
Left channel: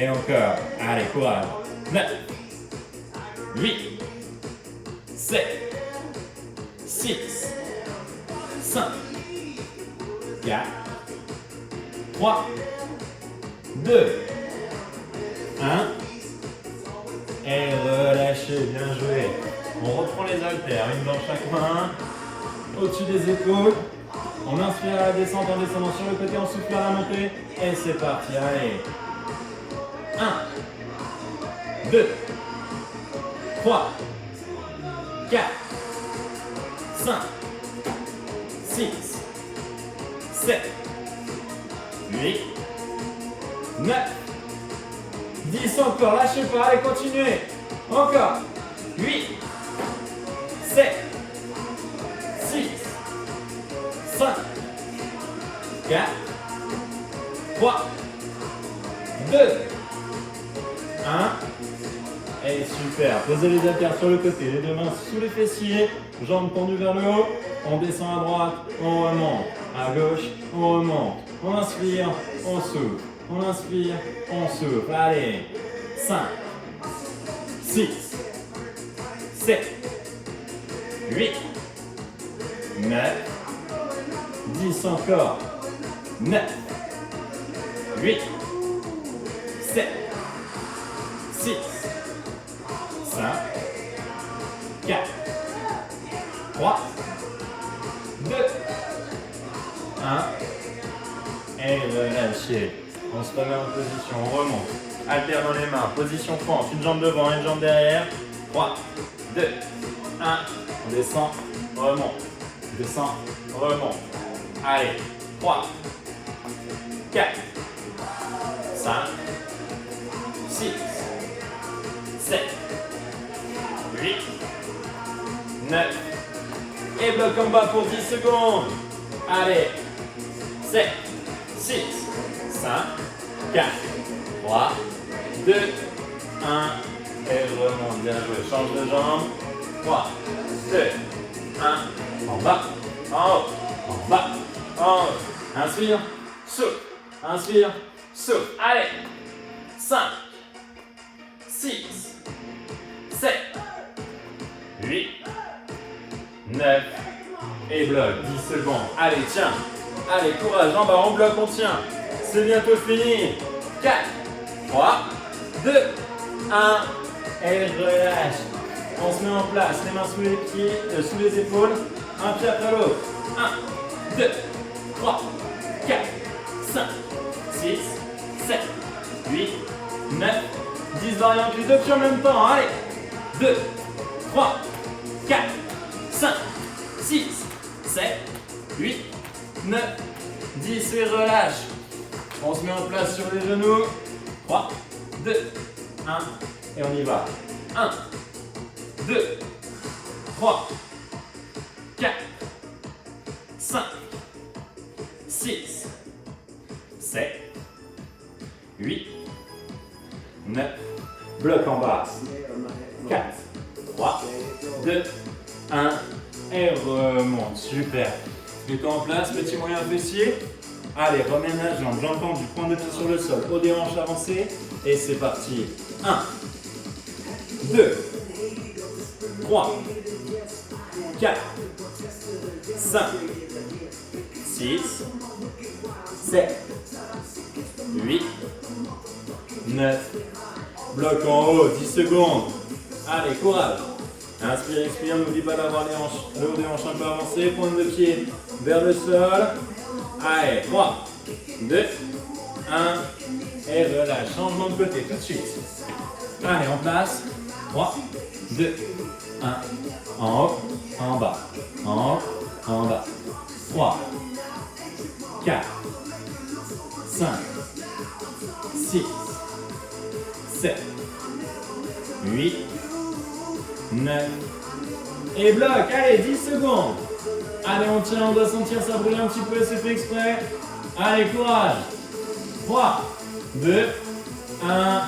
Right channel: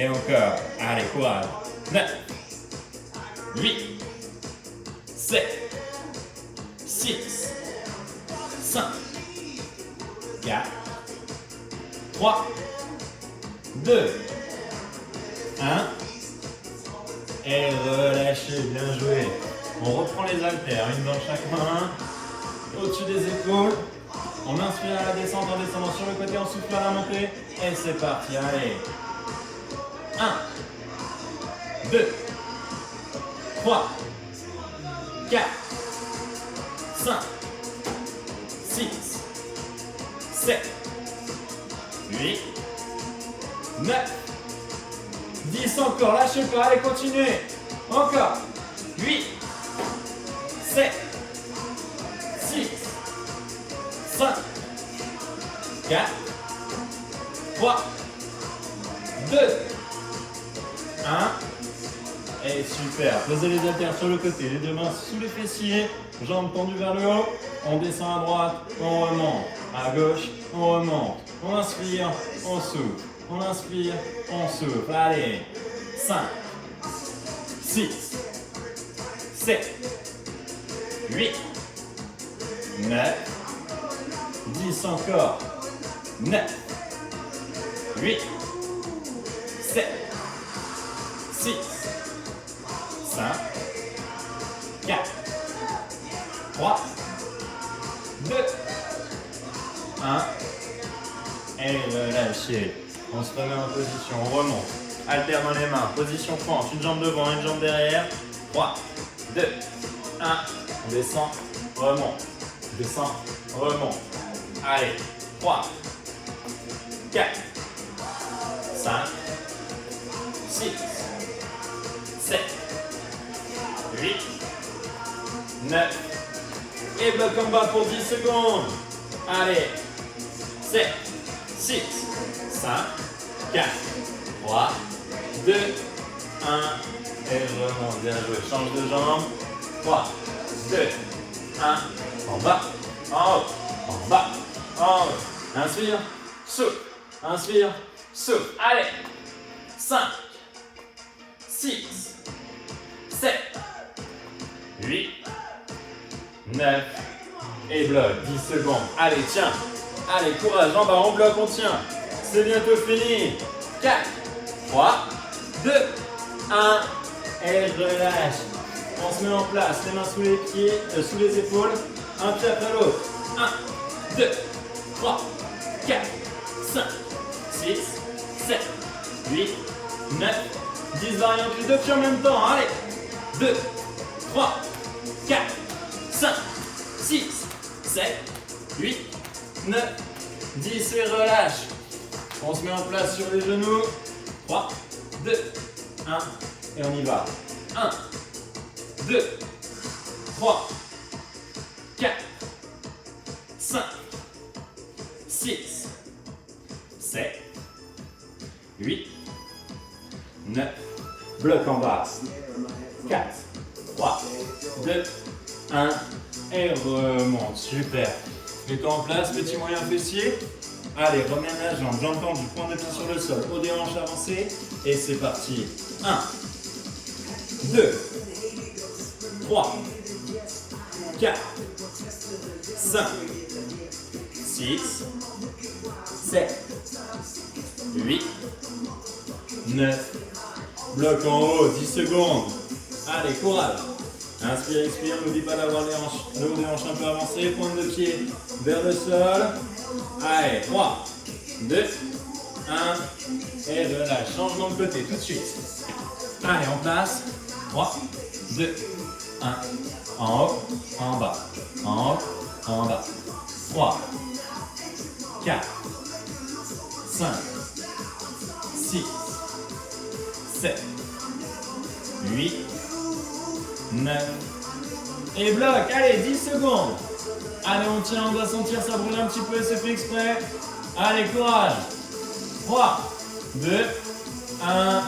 Et encore. Allez, courage. 9, 8, 7, 6, 5, 4, 3, 2, 1. Et relâchez, bien joué. On reprend les haltères, une dans chaque main, au-dessus des épaules. On inspire à la descente en descendant sur le côté, on souffle à la montée. Et c'est parti, allez. 1, 2, 3, 4, 5, 6, 7, 8, 9, 10 encore, lâchez pas, allez, continuez. Encore. 8, 7, 6, 5, 4, 3, 2, 1. Et super. Posez les haltères sur le côté, les deux mains sous les fessiers, jambes tendues vers le haut. On descend à droite, on remonte. À gauche, on remonte. On inspire, on souffle. On inspire, on souffle. Allez. 5, 6, 7, 8, 9, 10 encore. 9, 8, 7, 6, 5, 4, 3, 2, 1. Et relâchez. On se remet en position, on remonte. Haltère dans les mains, position fente, une jambe devant, une jambe derrière. 3, 2, 1. On descend, remonte. Descend, remonte. Allez, 3, 4, 5, 6, 7, 8, 9. Et bloc en bas pour 10 secondes. Allez. 7, 6, 5, 4, 3, 2, 1. Et remonte, bien joué. Change de jambe. 3, 2, 1. En bas, en haut, en bas, en haut. Inspire, souffle. Inspire, souffle. Allez. 5, 6, 7, 8, 9. Et bloc, 10 secondes. Allez, tiens. Allez, courage, en bas, on bloque, on tient. C'est bientôt fini. 4, 3, 2, 1. Et relâche. On se met en place, les mains sous les pieds, sous les épaules. Un pied après l'autre. 1, 2, 3, 4, 5, 6, 7, 8, 9, 10 variantes, les deux pieds en même temps. Allez. 2, 3, 4, 5, 6, 7, 8, 9, 10 et relâche. On se met en place sur les genoux. 3, 2, 1 et on y va. 1, 2, 3, 4, 5, 6, 7, 8, 9. Bloc en bas. 4, 3, 2, 1 et remonte. Super. Mets-toi en place, petit moyen fessier. Allez, remène la jambe, jambe tendue, point de pied sur le sol, haut des hanches avancées. Et c'est parti. 1, 2, 3, 4, 5, 6, 7, 8, 9. Bloc en haut, 10 secondes. Allez, courage. Inspire, expire, n'oublie pas d'avoir le haut des hanches un peu avancé, pointe de pied vers le sol. Allez, 3, 2, 1, et relâche. Changement de côté tout de suite. Allez, en place. 3, 2, 1. En haut, en bas. En haut, en bas. 3, 4, 5, 6, 7, 8, 9. Et bloc, allez, 10 secondes. Allez, on tient, on doit sentir ça brûler un petit peu, c'est fait exprès. Allez, courage. 3, 2, 1.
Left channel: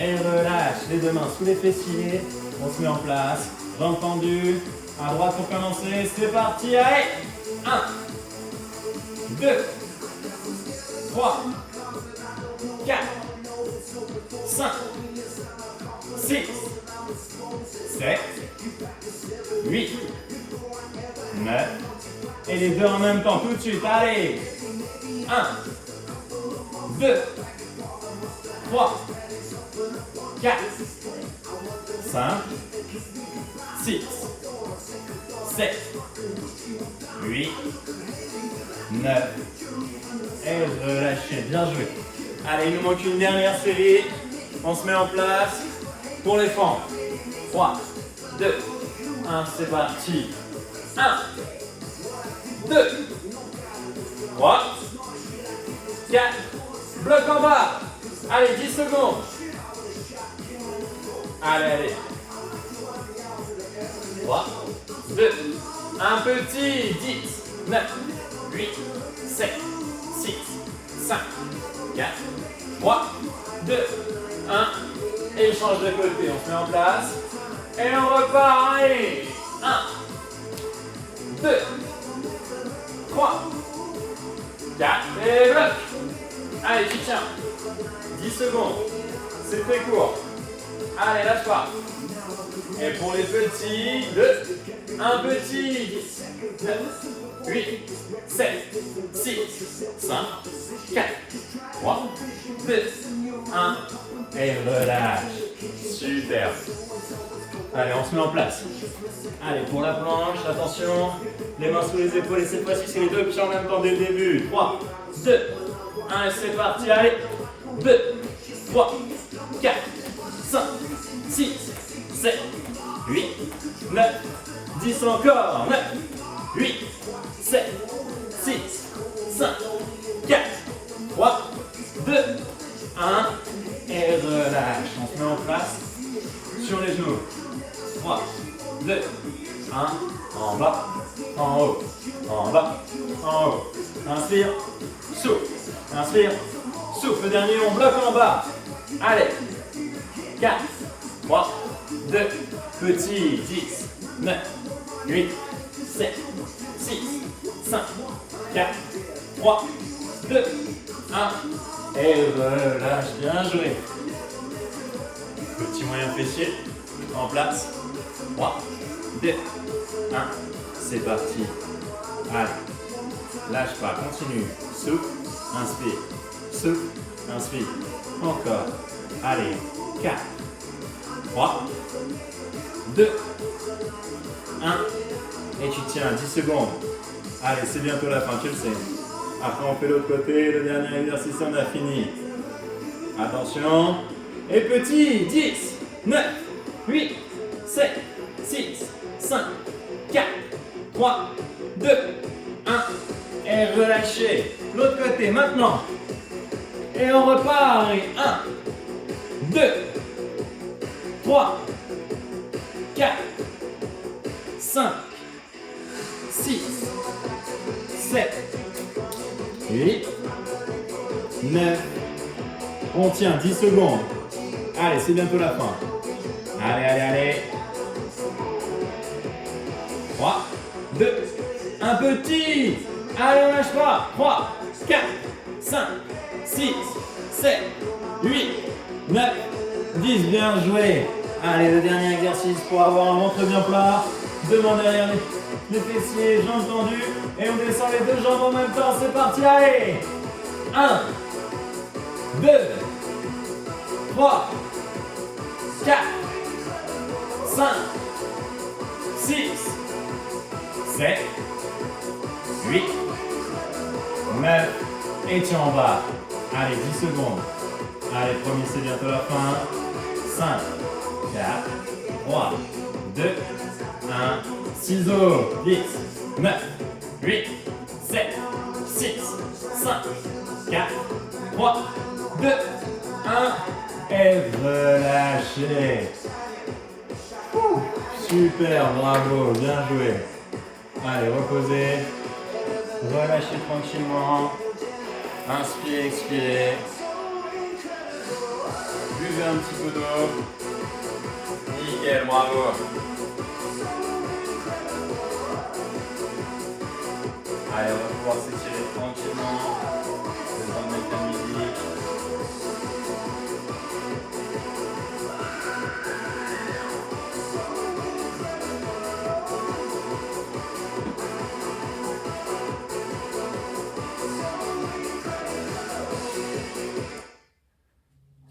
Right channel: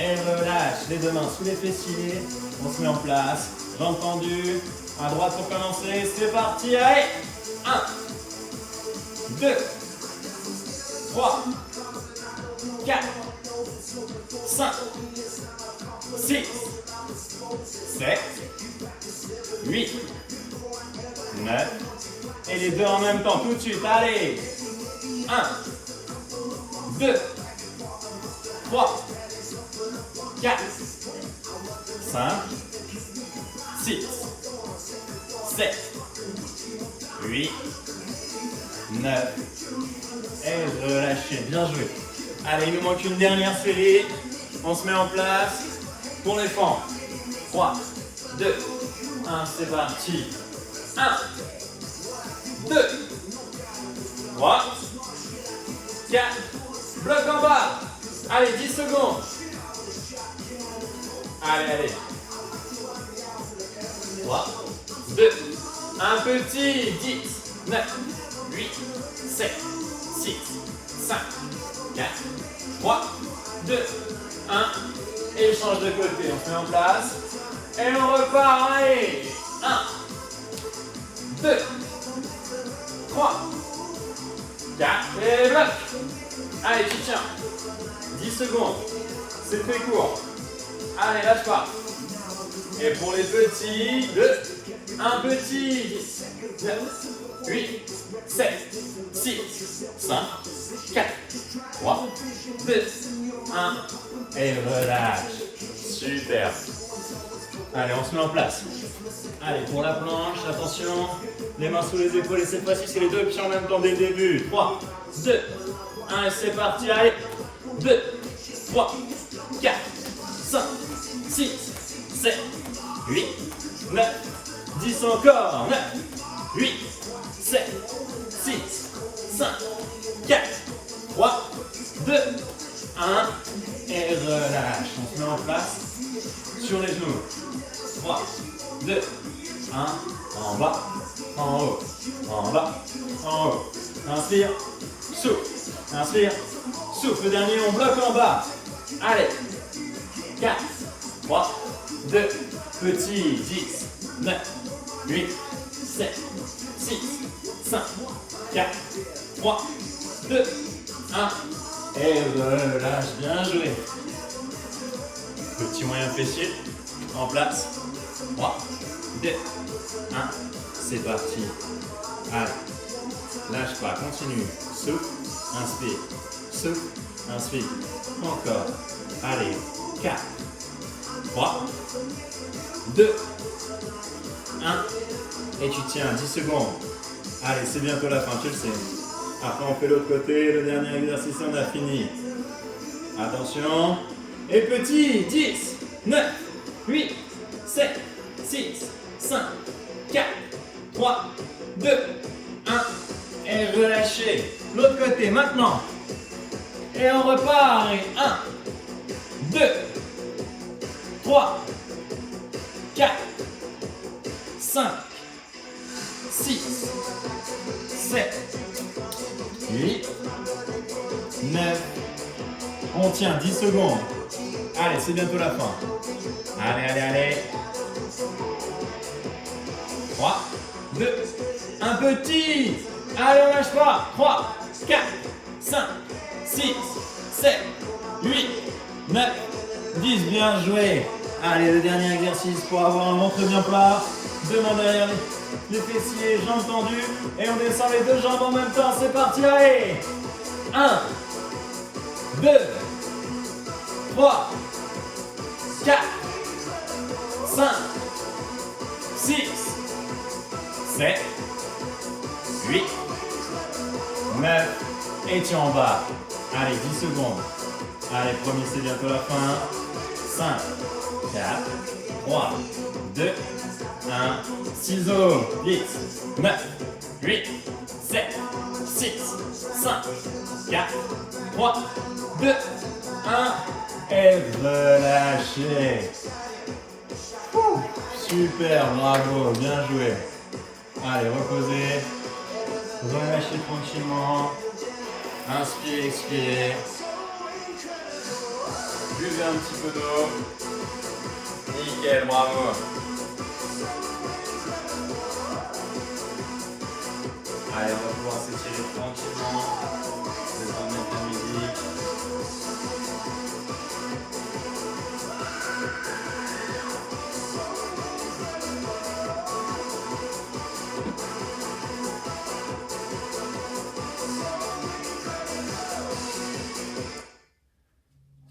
Et relâche. Les deux mains sous les fessiers. On se met en place. Jambes tendues. À droite pour commencer. C'est parti. Allez. 1, 2, 3, 4, 5, 6, 7, 8, 9. Et les deux en même temps, tout de suite. Allez. 1, 2, 3, 4, 5, 6, 7, 8, 9. Et relâchez. Bien joué. Allez, il nous manque une dernière série. On se met en place pour les fentes. 3, 2, 1, c'est parti. 1, 2, 3, 4, bloc en bas. Allez, 10 secondes. Allez, allez. 3, 2, un petit. 10, 9, 8, 7, 6, 5, 4, 3, 2, 1. Et change de côté. On se met en place. Et on repart. Allez. 1, 2, 3, 4. Et bloc. Allez, tu tiens. 10 secondes. C'est très court. Allez, lâche pas. Et pour les petits, 2, un petit, 10, 9, 8, 7, 6, 5, 4, 3, 2, 1. Et relâche. Super. Allez, on se met en place. Allez, pour la planche, attention. Les mains sous les épaules et cette fois-ci, c'est les deux pieds en même temps dès le début. 3, 2, 1 et c'est parti. Allez. 2, 3, 4, 5, 6, 7, 8, 9, 10 encore. 9, 8, 7, 6, 5, 4, 3, 2, 1, en bas, en haut, en bas, en haut. Inspire, souffle, inspire, souffle. Le dernier, on bloque en bas. Allez, 4, 3, 2, petit, 10, 9, 8, 7, 6, 5, 4, 3, 2, 1. Et relâche, bien joué. Petit moyen fessier, en place. 3, 2, 1. C'est parti. Allez, lâche pas, continue. Souffle, inspire. Souffle, inspire. Encore. Allez, 4, 3, 2, 1. Et tu tiens 10 secondes. Allez, c'est bientôt la fin, tu le sais. Après, on fait l'autre côté. Le dernier exercice, on a fini. Attention. Et petit, 10, 9, 8, 7, 6, 5, 4, 3, 2, 1. Et relâchez. L'autre côté, maintenant. Et on repart. Et 1, 2, 3, 4, 5, 6, 7, 8, 9. On tient 10 secondes. Allez, c'est bientôt la fin. Allez, allez, allez. 3, 2, un petit. Allez, on lâche pas. 3, 4, 5, 6, 7, 8, 9, 10. Bien joué. Allez, le dernier exercice pour avoir un ventre bien plat. Deux mains derrière les fessiers, jambes tendues. Et on descend les deux jambes en même temps. C'est parti, allez. 1, 2, 3, 4, 5, 6, 7, 8, 9. Et tu en bas. Allez, 10 secondes. Allez, premier, c'est bientôt la fin. 5, 4, 3, 2, 1. Ciseaux. 10, 9, 8, 7, 6, 5, 4, 3, 2, 1. Et relâchez. Super, bravo, bien joué. Allez, reposez. Relâchez tranquillement. Inspirez, expirez. Buvez un petit peu d'eau. Nickel, bravo. Allez, on va pouvoir s'étirer tranquillement. Le temps de mettre la musique.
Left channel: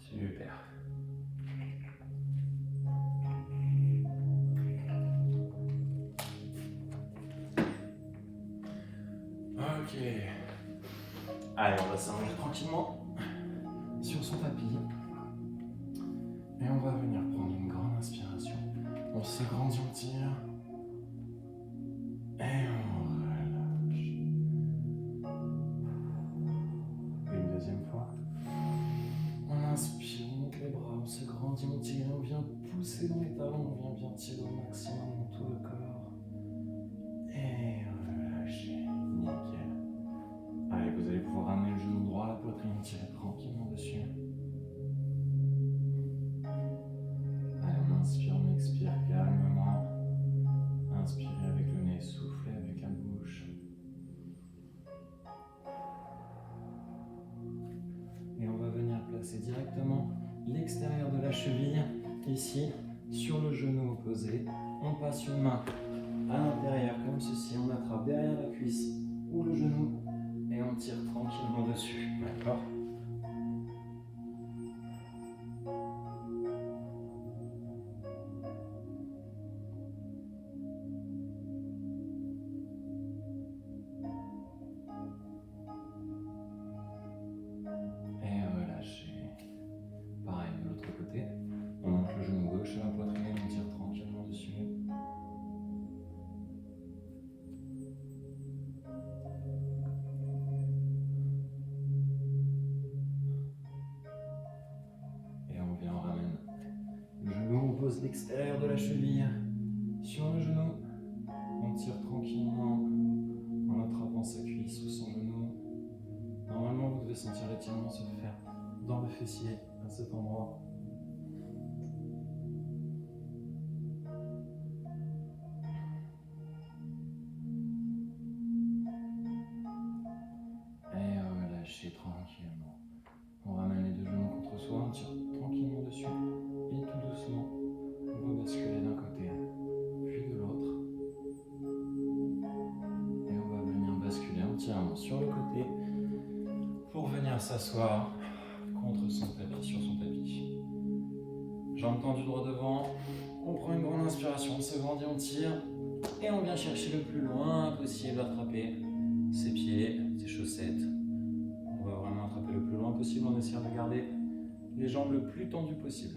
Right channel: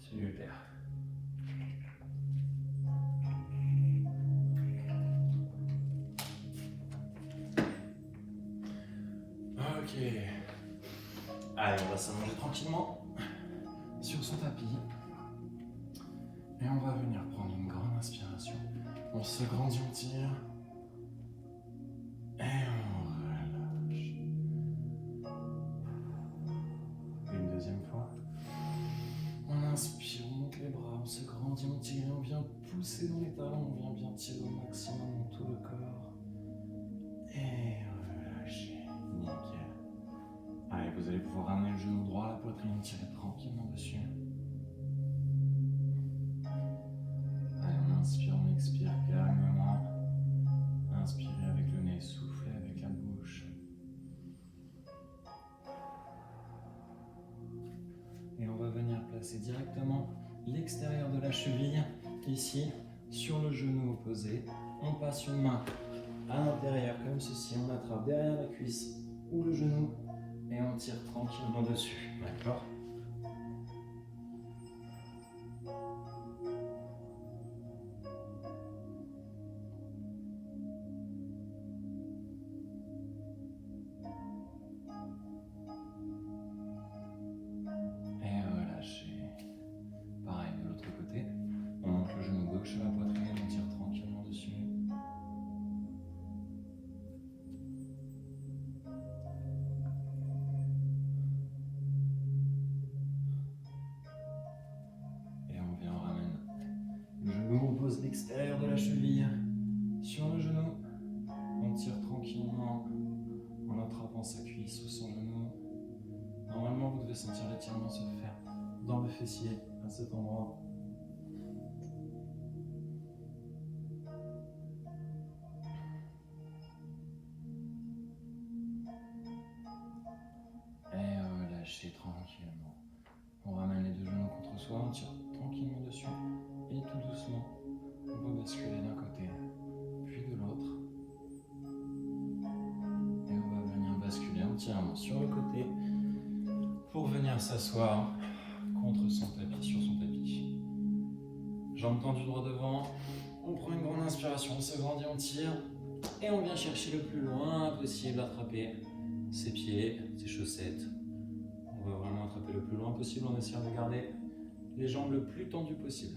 Super. Ok. Allez, on va s'allonger tranquillement sur son tapis. Et on va venir prendre une grande inspiration. On se grandit, on tire. Et on relâche. Et une deuxième fois. On inspire, on monte les bras, on se grandit, on tire. On vient pousser dans les talons, on vient bien tirer au maximum dans tout le corps. Et relâcher. Nickel. Allez, vous allez pouvoir ramener le genou droit à la poitrine, tirer tranquillement dessus. Allez, on inspire, on expire calmement. Inspirez avec le nez, soufflez avec la bouche. Et on va venir placer directement l'extérieur de la cheville, ici, sur le genou opposé. On passe une main à l'intérieur comme ceci, on attrape derrière la cuisse ou le genou et on tire tranquillement dessus, d'accord ? Et relâchez. Pareil de l'autre côté, on monte le genou gauche à la poitrine, on tire tranquillement dessus. fessiers à cet endroit. Et relâchez tranquillement. On ramène les deux genoux contre soi, on tire tranquillement dessus et tout doucement, on va basculer d'un côté puis de l'autre. Et on va venir basculer entièrement sur le côté pour venir s'asseoir contre son tapis, sur son tapis. Jambes tendues droit devant, on prend une grande inspiration, on se grandit, on tire et on vient chercher le plus loin possible, attraper ses pieds, ses chaussettes. On va vraiment attraper le plus loin possible en essayant de garder les jambes le plus tendues possible.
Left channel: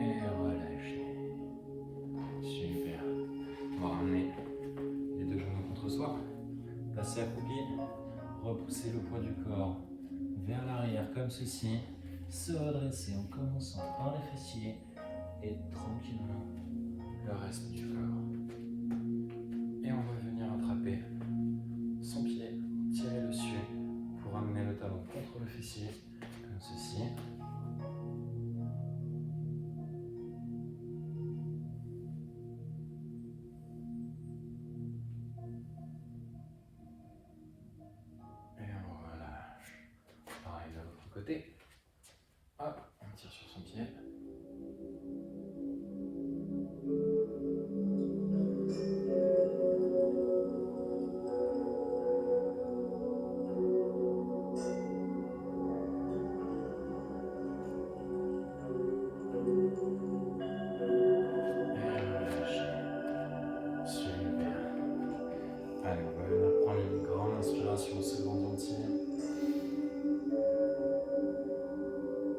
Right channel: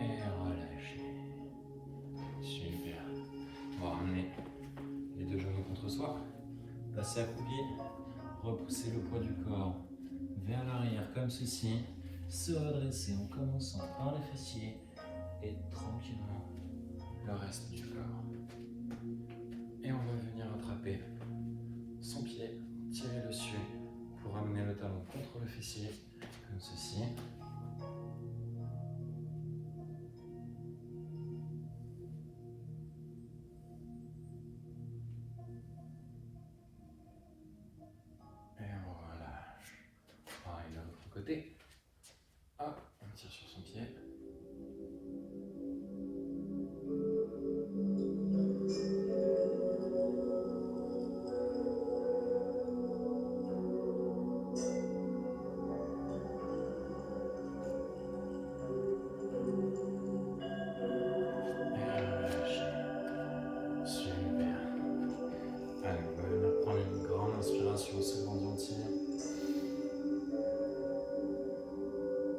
Et relâchez. Super. On va ramener les deux genoux contre soi. Passer accroupi. Repousser le poids du corps vers l'arrière comme ceci. Se redresser en commençant par les fessiers et tranquillement le reste du corps. Et on va venir attraper son pied, tirer dessus pour amener le talon contre le fessier comme ceci. Et on relâche. Pareil de l'autre côté. Hop, on tire sur son pied. Allez, on va venir prendre une grande inspiration, se grandit, on tire.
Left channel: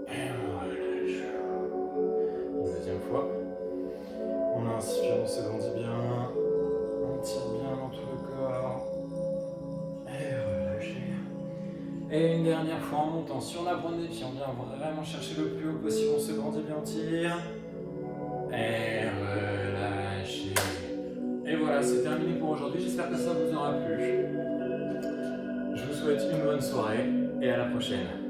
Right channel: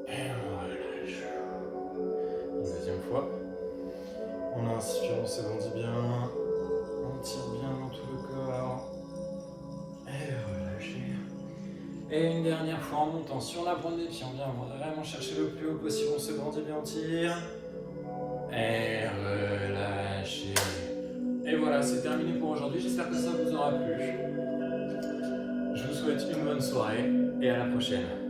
Et on relâche. Une deuxième fois. On inspire, on se grandit bien. On tire bien dans tout le corps. Et relâcher. Et une dernière fois en montant sur la pointe des pieds, on vient vraiment chercher le plus haut possible, on se grandit bien, on tire. Et relâchez. Et voilà, c'est terminé pour aujourd'hui. J'espère que ça vous aura plu. Je vous souhaite une bonne soirée et à la prochaine.